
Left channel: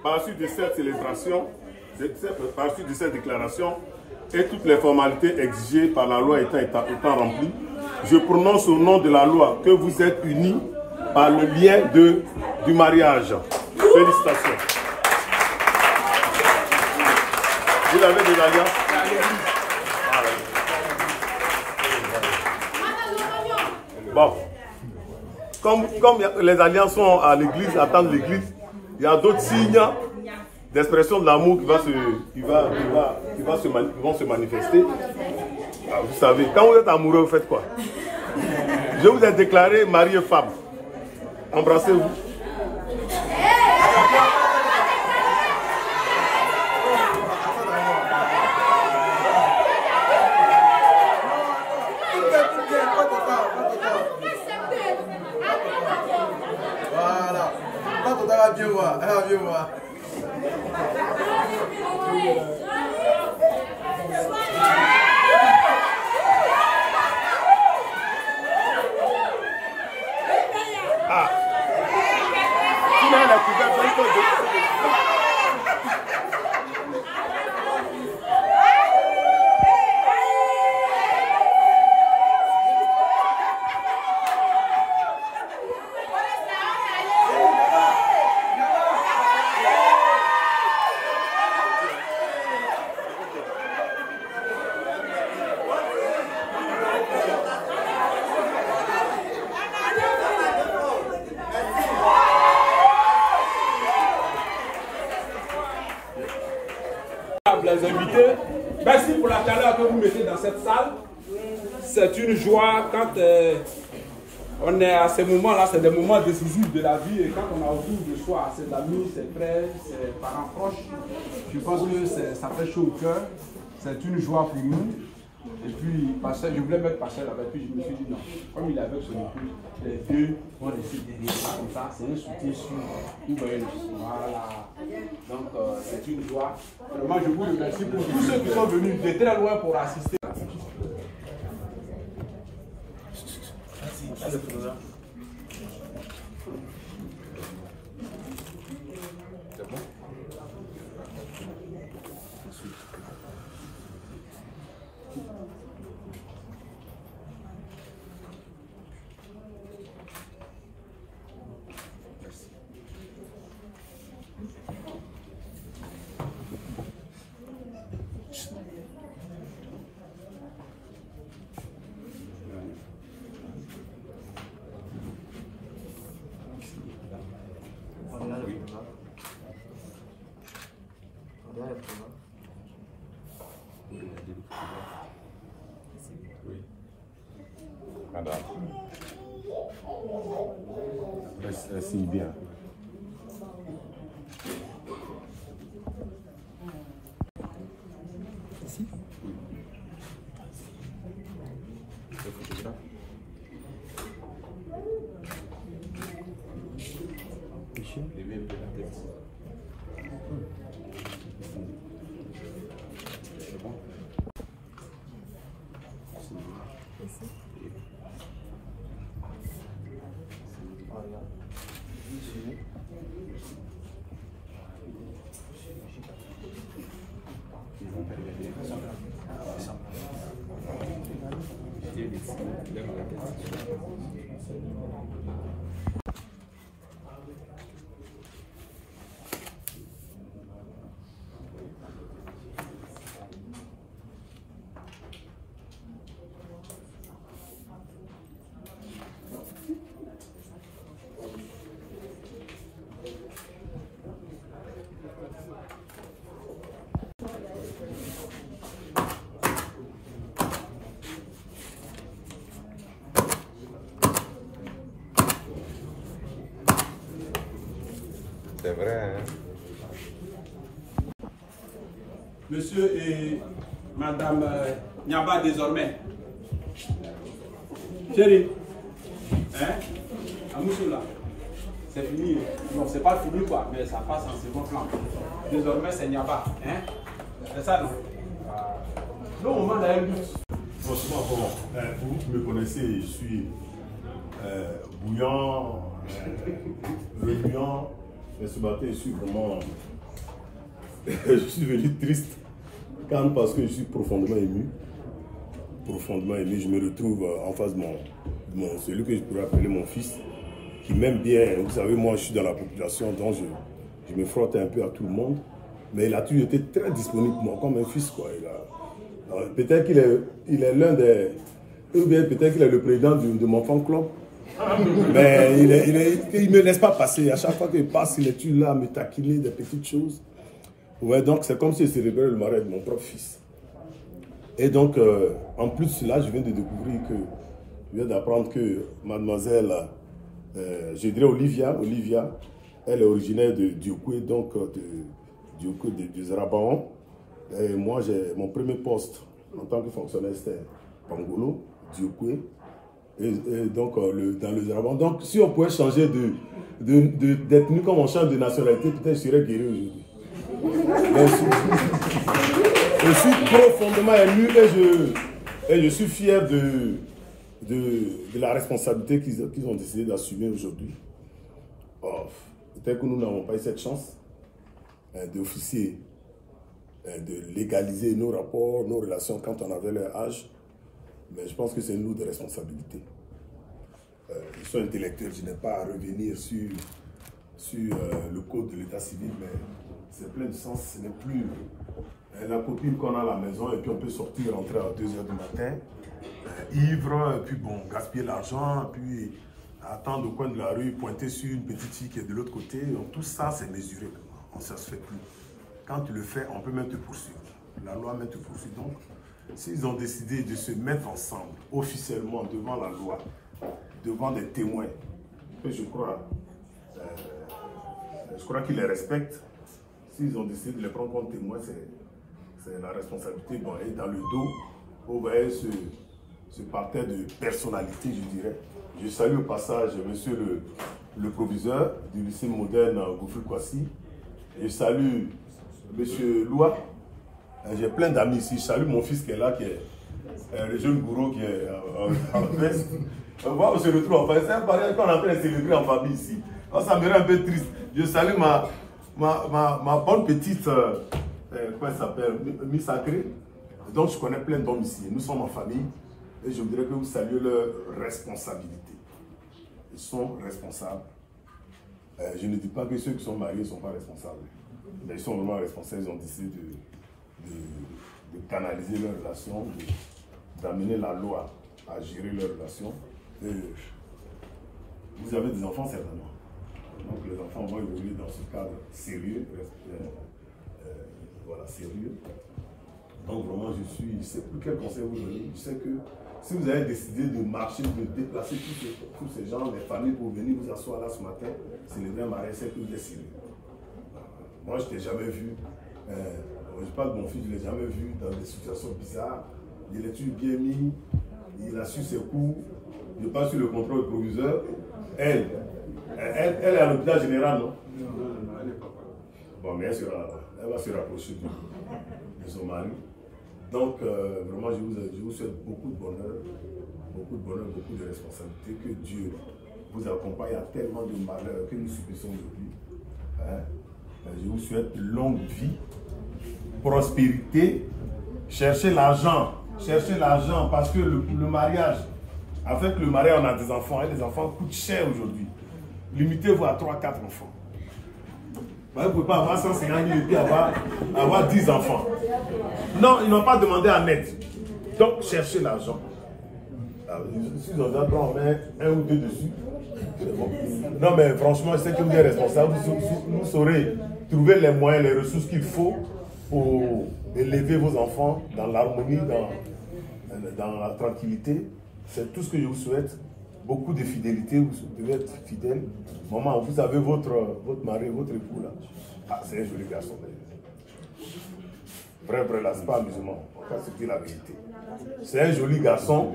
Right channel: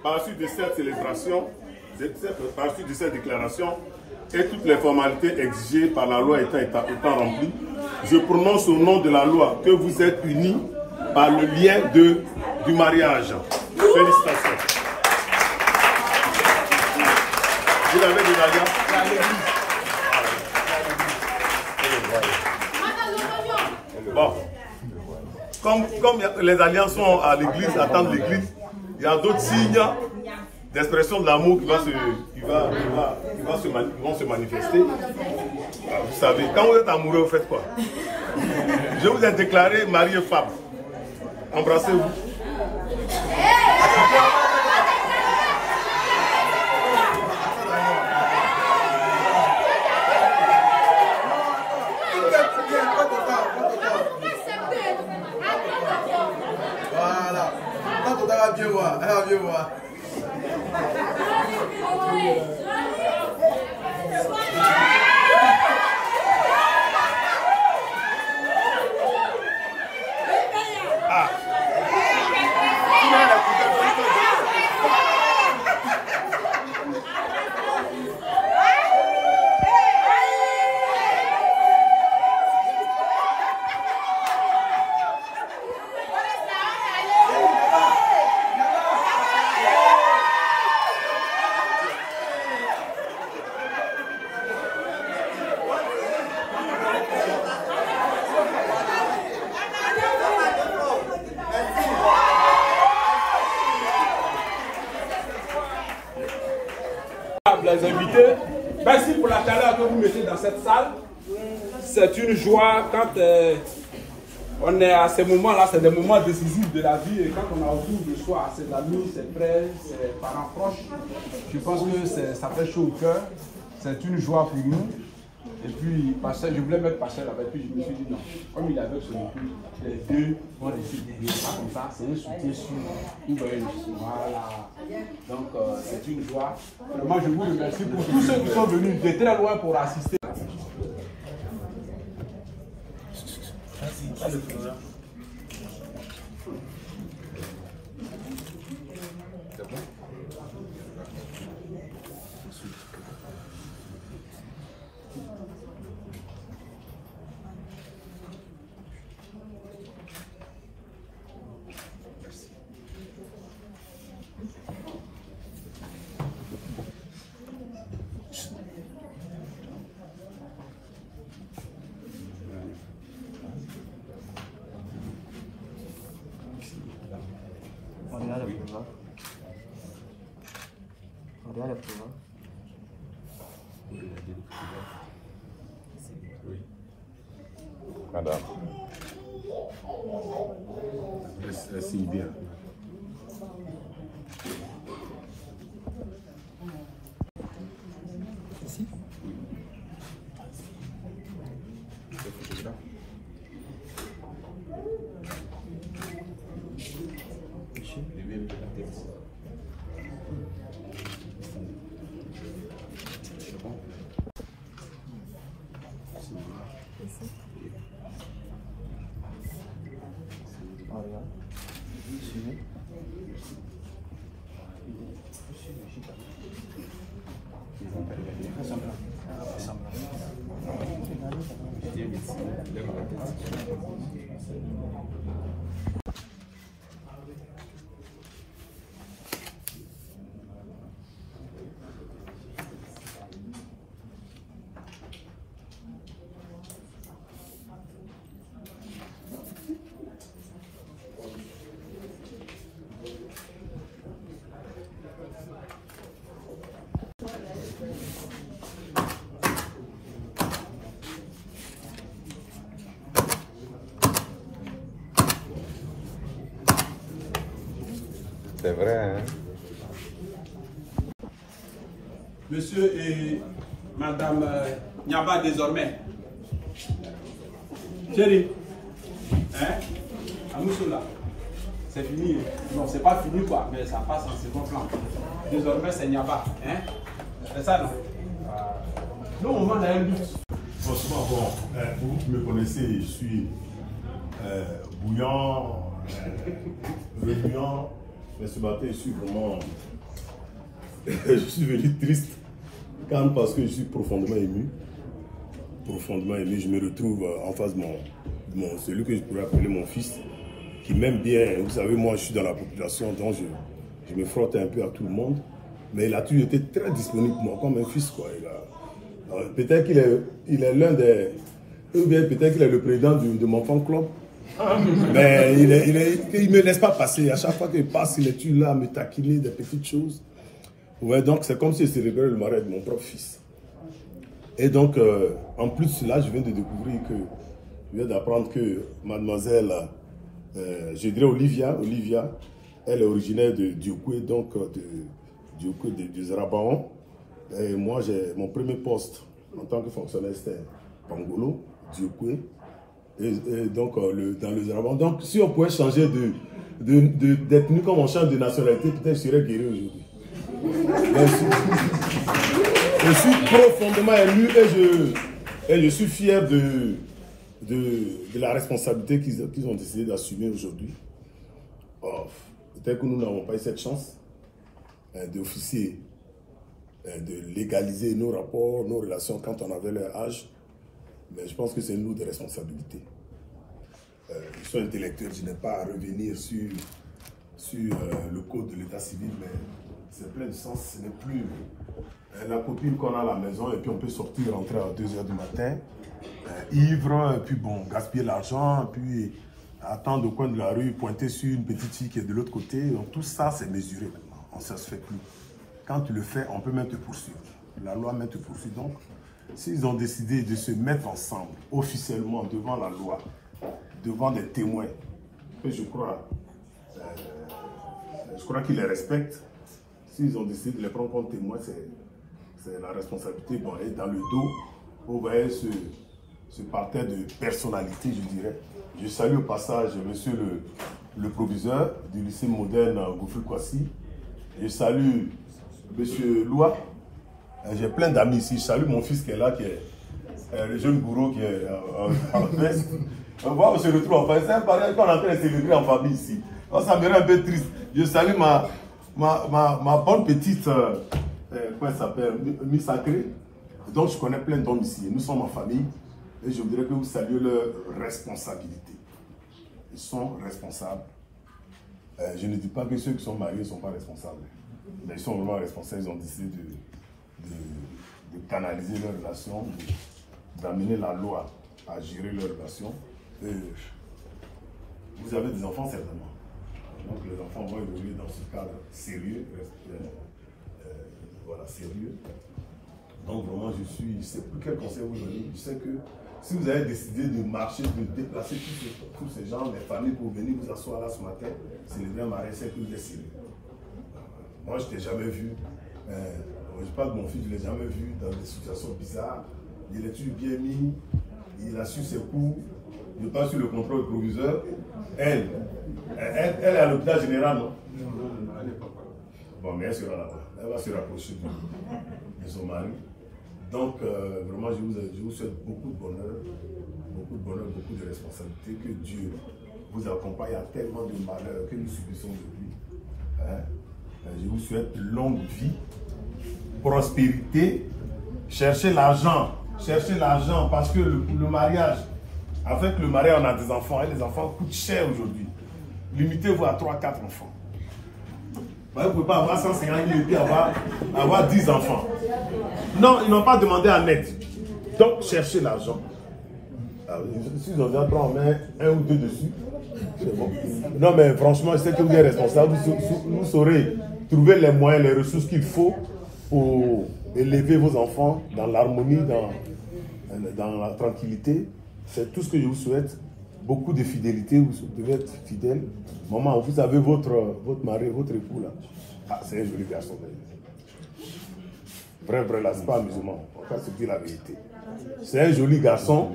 Par suite de cette célébration, par suite de cette déclaration, et toutes les formalités exigées par la loi étant remplies, je prononce au nom de la loi que vous êtes unis par le lien du mariage. Félicitations. Vous avez des alliances? Bon. Comme les alliances sont à l'église, attendent l'église, il y a d'autres signes d'expression de l'amour qui vont se manifester. Vous savez, quand vous êtes amoureux, vous faites quoi? Je vous ai déclaré mari et femme. Embrassez-vous. Voilà. Quand on va bien voir, elle va bien voir. Les invités, merci pour la chaleur que vous mettez dans cette salle. C'est une joie quand on est à ces moments-là, c'est des moments décisifs de la vie, et quand on a autour de soi ses amis, ses frères, ses parents proches, je pense que ça fait chaud au cœur. C'est une joie pour nous. Et puis, Pasteur, je voulais mettre Pasteur là-bas, puis je me suis dit non, comme il est avec son épouse, les deux vont rester derrière, pas comme ça, c'est un soutien sûr. Vous voyez, voilà. Donc, c'est une joie. Vraiment, je vous remercie pour tous ceux qui sont venus de très loin pour assister. C'est bon? Madame. Merci bien. Ici? C'est vrai, hein? Monsieur et Madame Nyaba désormais. Chérie, hein? Amoussou là, c'est fini. Non, c'est pas fini quoi, mais ça passe en second plan. Désormais c'est Nyaba, hein? C'est ça non? Le moment d'un but. Franchement, bon, vous qui me connaissez, je suis bouillant, régnant. Mais ce matin, je suis vraiment. Je suis venu triste. Calme parce que je suis profondément ému. Profondément ému. Je me retrouve en face de celui que je pourrais appeler mon fils, qui m'aime bien. Vous savez, moi, je suis dans la population, donc je me frotte un peu à tout le monde. Mais il a toujours été très disponible pour moi, comme un fils, quoi. Peut-être qu'il est l'un des. Ou bien peut-être qu'il est le président de mon fan club. Mais il ne me laisse pas passer. À chaque fois qu'il passe, il est toujours là à me taquiner des petites choses. Ouais, donc c'est comme si je célébrais le mariage de mon propre fils. Et donc, en plus de cela, je viens de découvrir je viens d'apprendre que mademoiselle, je dirais Olivia, elle est originaire de Diokwe, donc de Zarabaon. Et moi, mon premier poste en tant que fonctionnaire, c'était Pangolo, Diokwe. Et donc, dans le Zarabaon. Donc, si on pouvait changer d'être venu comme on change de nationalité, peut-être je serais guéri aujourd'hui. Je suis profondément ému et je suis fier de la responsabilité qu'ils ont décidé d'assumer aujourd'hui. Oh, peut-être que nous n'avons pas eu cette chance d'officier, de légaliser nos rapports, nos relations quand on avait leur âge. Mais je pense que c'est nous de responsabilité. Je suis intellectuel, je n'ai pas à revenir sur le code de l'état civil, mais c'est plein de sens. Ce n'est plus la copine qu'on a à la maison et puis on peut sortir, rentrer à 2 h du matin, ivre, puis bon, gaspiller l'argent, puis attendre au coin de la rue, pointer sur une petite fille qui est de l'autre côté. Donc tout ça, c'est mesuré. On ne se fait plus. Quand tu le fais, on peut même te poursuivre. La loi même te poursuit. Donc, s'ils ont décidé de se mettre ensemble, officiellement, devant la loi, devant des témoins, que je crois qu'ils les respectent, s'ils ont décidé de les prendre comme témoins, c'est la responsabilité. Bon, et dans le dos, vous voyez ce parterre de personnalité, je dirais. Je salue au passage monsieur le proviseur du lycée moderne Goufil Kwasi. Je salue monsieur Loua. J'ai plein d'amis ici. Je salue mon fils qui est là, qui est le jeune bourreau qui est en veste. Moi, on se retrouve en famille. C'est un mariage qu'on est en train de célébrer en famille ici. Alors, ça me rend un peu triste. Je salue ma bonne petite, comment elle s'appelle, Miss Sacré. Donc, je connais plein d'hommes ici. Nous sommes en famille. Et je voudrais que vous saluiez leur responsabilité. Ils sont responsables. Je ne dis pas que ceux qui sont mariés ne sont pas responsables. Mais ils sont vraiment responsables. Ils ont décidé de canaliser leurs relations, d'amener la loi à gérer leurs relations. Vous avez des enfants certainement. Donc les enfants vont évoluer dans ce cadre sérieux. Voilà, sérieux. Donc vraiment, je ne sais plus quel conseil vous donner. Je sais que si vous avez décidé de marcher, de déplacer tous ces gens, les familles pour venir vous asseoir là ce matin, célébrer un mariage, c'est que vous êtes sérieux. Moi, je ne t'ai jamais vu. Je parle de mon fils, je ne l'ai jamais vu dans des situations bizarres. Il est toujours bien mis, il a su ses coups. Je passe sur le contrôle proviseur. Elle est à l'hôpital général, non? Non, elle n'est pas. Bon, mais elle va se rapprocher de son mari. Donc, vraiment, je vous souhaite beaucoup de bonheur, beaucoup de responsabilités, que Dieu vous accompagne à tellement de malheurs que nous subissons aujourd'hui. Hein? Je vous souhaite longue vie, prospérité, cherchez l'argent parce que le mariage, avec le mariage on a des enfants et les enfants coûtent cher aujourd'hui. Limitez-vous à 3-4 enfants. Vous ne pouvez pas avoir 150 000 et puis avoir 10 enfants. Non, ils n'ont pas demandé à l'aide. Donc cherchez l'argent. Si on met un ou deux dessus, c'est bon. Non mais franchement, je sais que vous êtes responsable. Vous saurez trouver les moyens, les ressources qu'il faut pour élever vos enfants dans l'harmonie, dans la tranquillité. C'est tout ce que je vous souhaite. Beaucoup de fidélité, vous devez être fidèle. Maman, vous avez votre mari, votre époux là. Ah, c'est un joli garçon. Vrai, là, c'est pas musulman. On va se dire la vérité. C'est un joli garçon.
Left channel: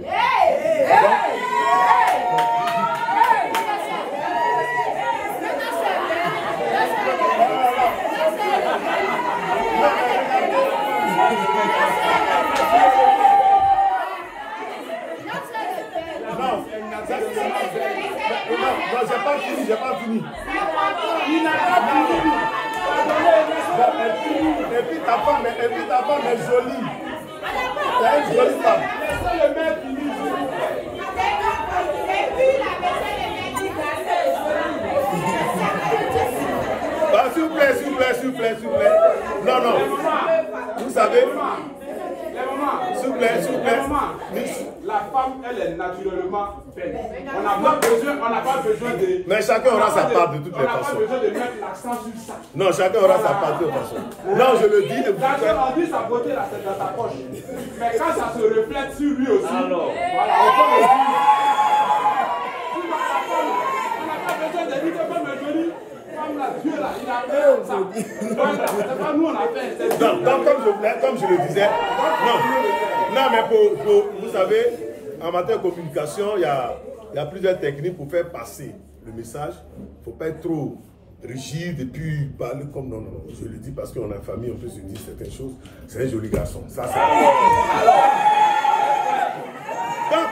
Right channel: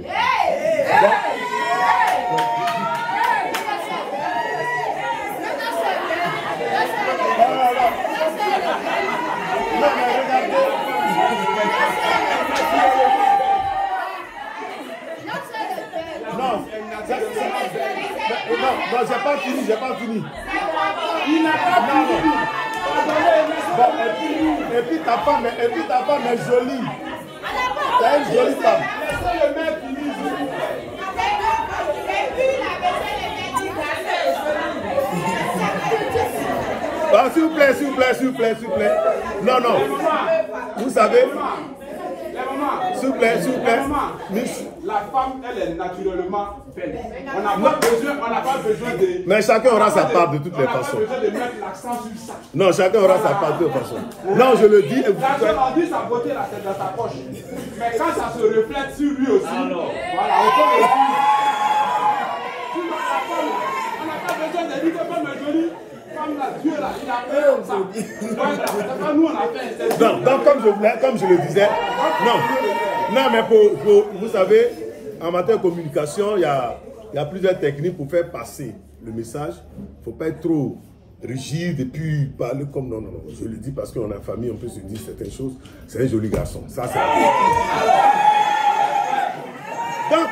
Non, j'ai pas fini. Il n'a pas fini. Et puis ta femme est jolie. C'est une jolie femme. Laissez le mec finir. S'il vous plaît. Non. Vous savez, s'il vous plaît. La femme, elle est naturellement belle. On n'a pas besoin de... Mais chacun aura sa part de toutes les façons. On n'a pas besoin de mettre l'accent sur ça. Non, chacun aura sa part de toutes les façons. Non, je le dis. On dit sa beauté, là, c'est dans sa poche. Mais quand ça se reflète sur lui aussi, voilà, on peut le dire. On n'a pas besoin de dire que femme est jolie. Femme, la Dieu, là, il a fait ça. Donc, nous, on a fait. Donc, comme je le disais, non, mais vous savez, en matière de communication, il y a plusieurs techniques pour faire passer le message. Il ne faut pas être trop rigide et puis parler comme non. Je le dis parce qu'on est en famille, on peut se dire certaines choses. C'est un joli garçon. Ça, c'est... Donc,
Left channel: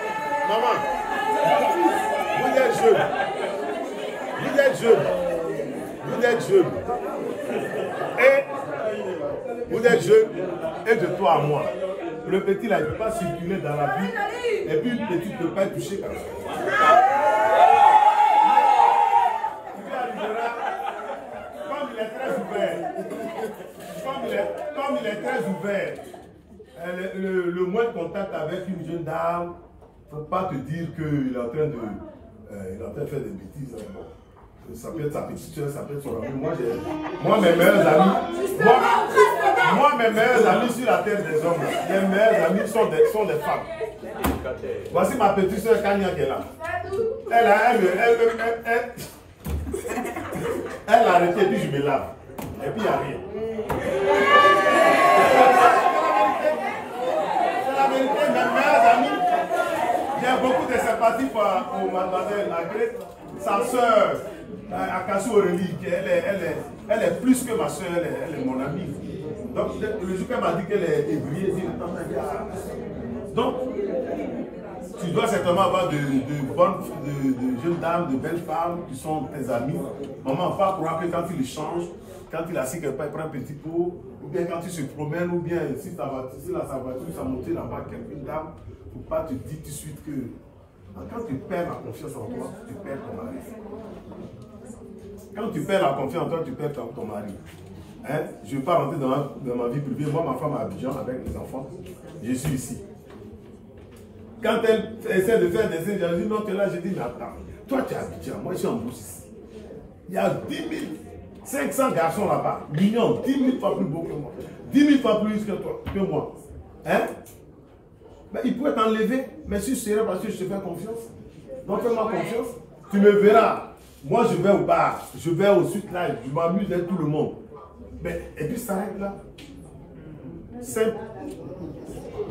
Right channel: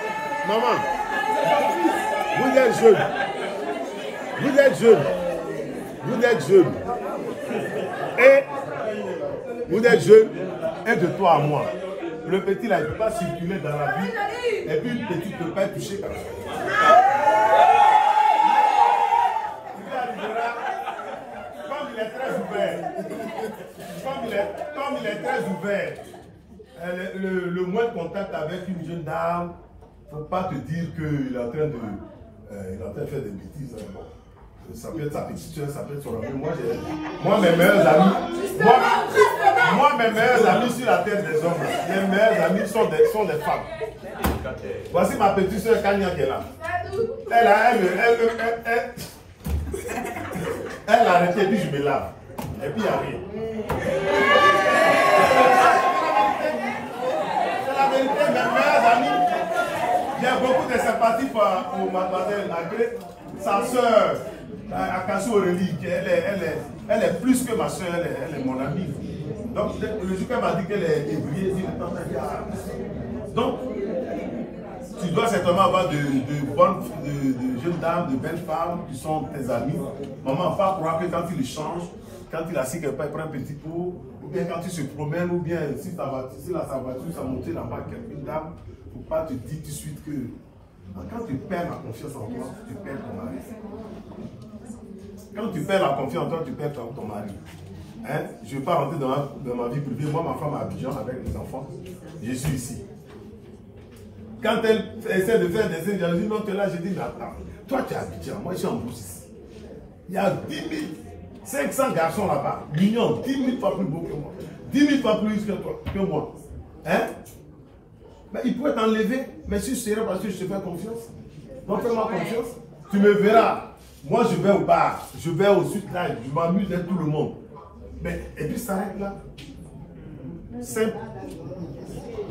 maman, vous êtes jeune. Et de toi à moi. Le petit là, il ne peut pas circuler dans la vie. Et puis une petite ne peut pas être touchée comme ça. Comme il est très ouvert, le moins de contact avec une jeune dame, il ne faut pas te dire qu'il est en train de faire des bêtises. Ça peut être sa petite soeur, ça peut être son ami. Moi, mes meilleurs amis sur la terre des hommes, mes meilleurs amis sont des femmes. Voici ma petite soeur Kanya qui est là. Elle a arrêté et puis je me lave. Et puis il n'y a rien. C'est la vérité, mes meilleurs amis. J'ai beaucoup de sympathie pour mademoiselle Lagré. Sa soeur, Akasu Aurélie, elle est plus que ma soeur, elle est mon amie. Donc, le jour qu'elle m'a dit qu'elle est ébriée, donc, tu dois certainement avoir de jeunes dames, de belles femmes qui sont tes amies. Maman, pas croire que quand il change, quand il assis quelque part, il prend un petit pot, ou bien quand il se promène, ou bien si sa voiture, sa montée là-bas, quelqu'une dame, il ne faut pas te dire tout de suite que quand tu perds la confiance en toi, tu perds ton mari. Quand tu perds la confiance en toi, tu perds ton mari. Hein? Je ne vais pas rentrer dans ma vie privée. Moi, ma femme à Abidjan avec les enfants, je suis ici. Quand elle essaie de faire des signes, j'ai dit non, que là, j'ai dit, mais attends, toi tu es à Abidjan, moi je suis en Brousse ici. Il y a 10 500 garçons là-bas, mignons, 10 000 fois plus beaux que moi, 10 000 fois plus que moi. Hein? Mais il pourrait t'enlever, mais si je serais parce que je te fais confiance. Donc fais-moi confiance. Tu me verras. Moi je vais au bar, je vais au sud là, je m'amuse avec tout le monde. Mais, et puis ça s'arrête là. Simple.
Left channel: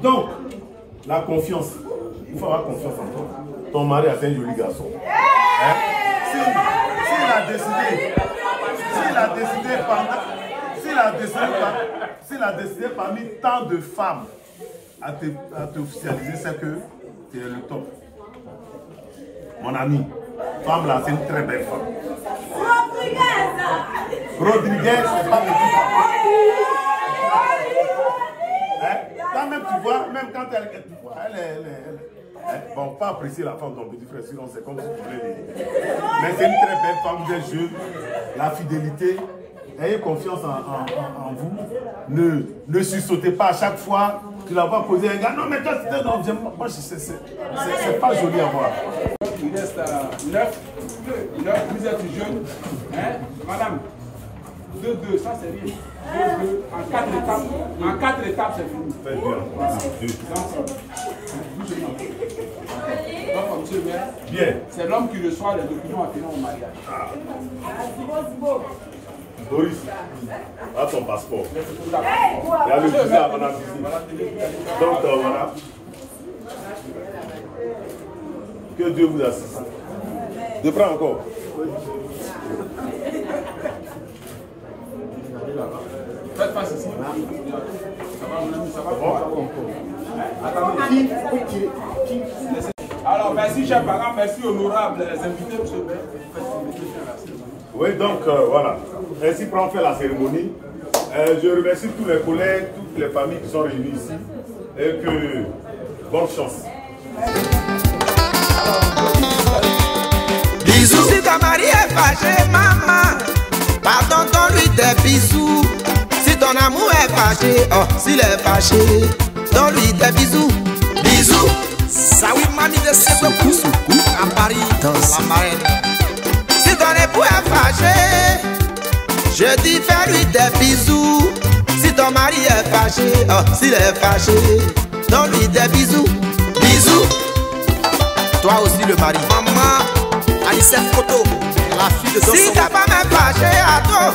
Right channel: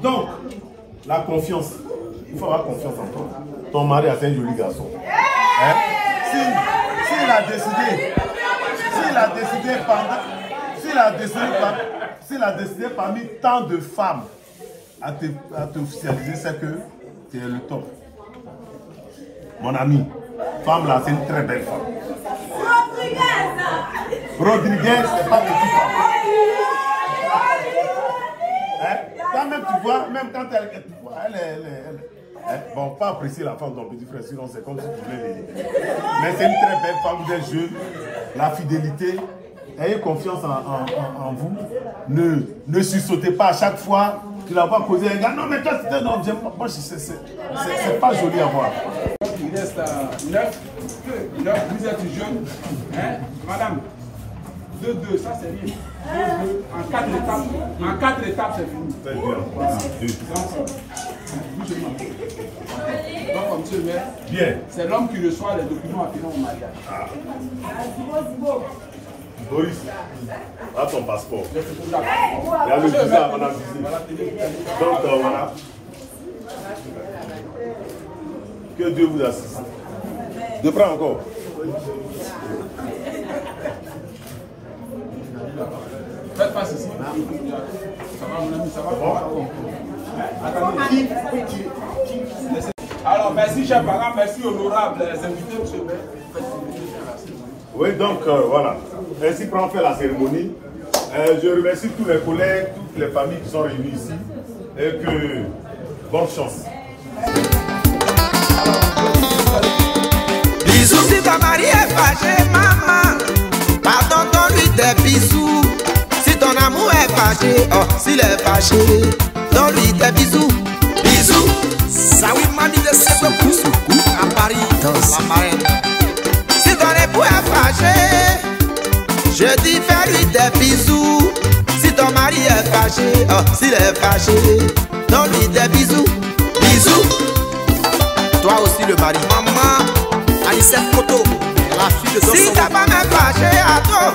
Donc, la confiance. Il faut avoir confiance en toi. Ton mari a fait un joli garçon. Hein? S'il a décidé parmi tant de femmes à te officialiser, c'est que tu es le top. mon ami. Femme là, c'est une très belle femme. Rodriguez, c'est pas le petit. Quand même, tu vois, même quand elle bon, pas apprécier la femme de ton petit frère, sinon c'est comme si tu voulais l'aider. Mais c'est une très belle femme, vous êtes jeune, la fidélité. Ayez confiance en vous. Ne sursautez pas à chaque fois. Tu la vois causer un gars. Non, mais toi, c'est un homme. Moi, c'est pas joli à voir. Il reste 9. Vous êtes jeune. Hein? Madame, 2-2, ça c'est rien. 2-2. En 4 étapes, c'est fini. Très bien. Voilà. Donc, comme monsieur le maire, c'est l'homme qui reçoit les documents appelant au mariage. Boris, à ton passeport. Il y a le visa à mon avis. Donc voilà. Que Dieu vous assiste. Je prends encore. Faites face ici. Ça va, mon ami, ça va. Alors, merci, chers parents, merci, honorables invités, monsieur. Oui, donc voilà. Ainsi prend fait la cérémonie. Je remercie tous les collègues, toutes les familles qui sont réunies ici. Et que bonne chance. Bisous si ta mari est fâché, maman. Pardon, donne-lui des bisous. Si ton amour est fâché, oh, s'il est fâché, donne-lui des bisous. Bisous. Ça oui, mamie de Sebou, à Paris, dans la marraine. Si ton époux est fâché, je dis fais-lui des bisous. Si ton mari est fâché, oh, s'il est fâché, donne-lui des bisous. Bisous. Toi aussi le mari. Maman, Anicette Koto, la fille de Dosson. Si ta femme est fâchée à toi,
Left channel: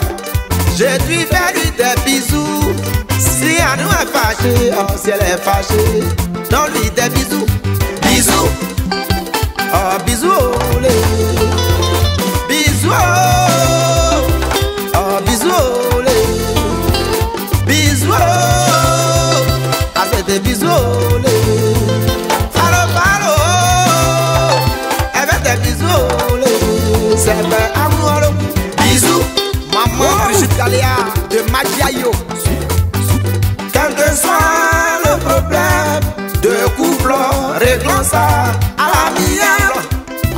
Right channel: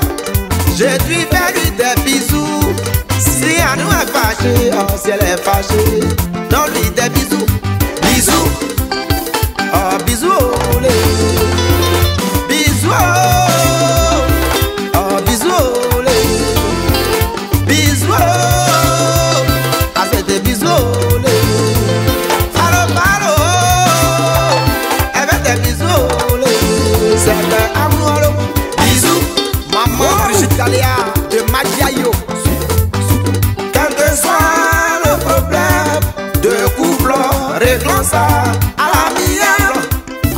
je dis fais-lui des bisous. Si Anou est fâchée, oh, si elle est fâchée, donne-lui des bisous. Bisous. Oh, bisous, olé. Bisous, oh, bisous, olé. Bisous, ah, c'est des bisous, olé. Palo, palo, elle fait des bisous, olé. C'est des amour, bisous. Maman Brigitte Galéa de Magiayo. Quel que soit le problème de couple, réglons ça à l'amiable.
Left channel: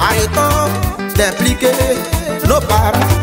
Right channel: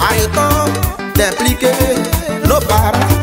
Arrêtons d'impliquer nos parents.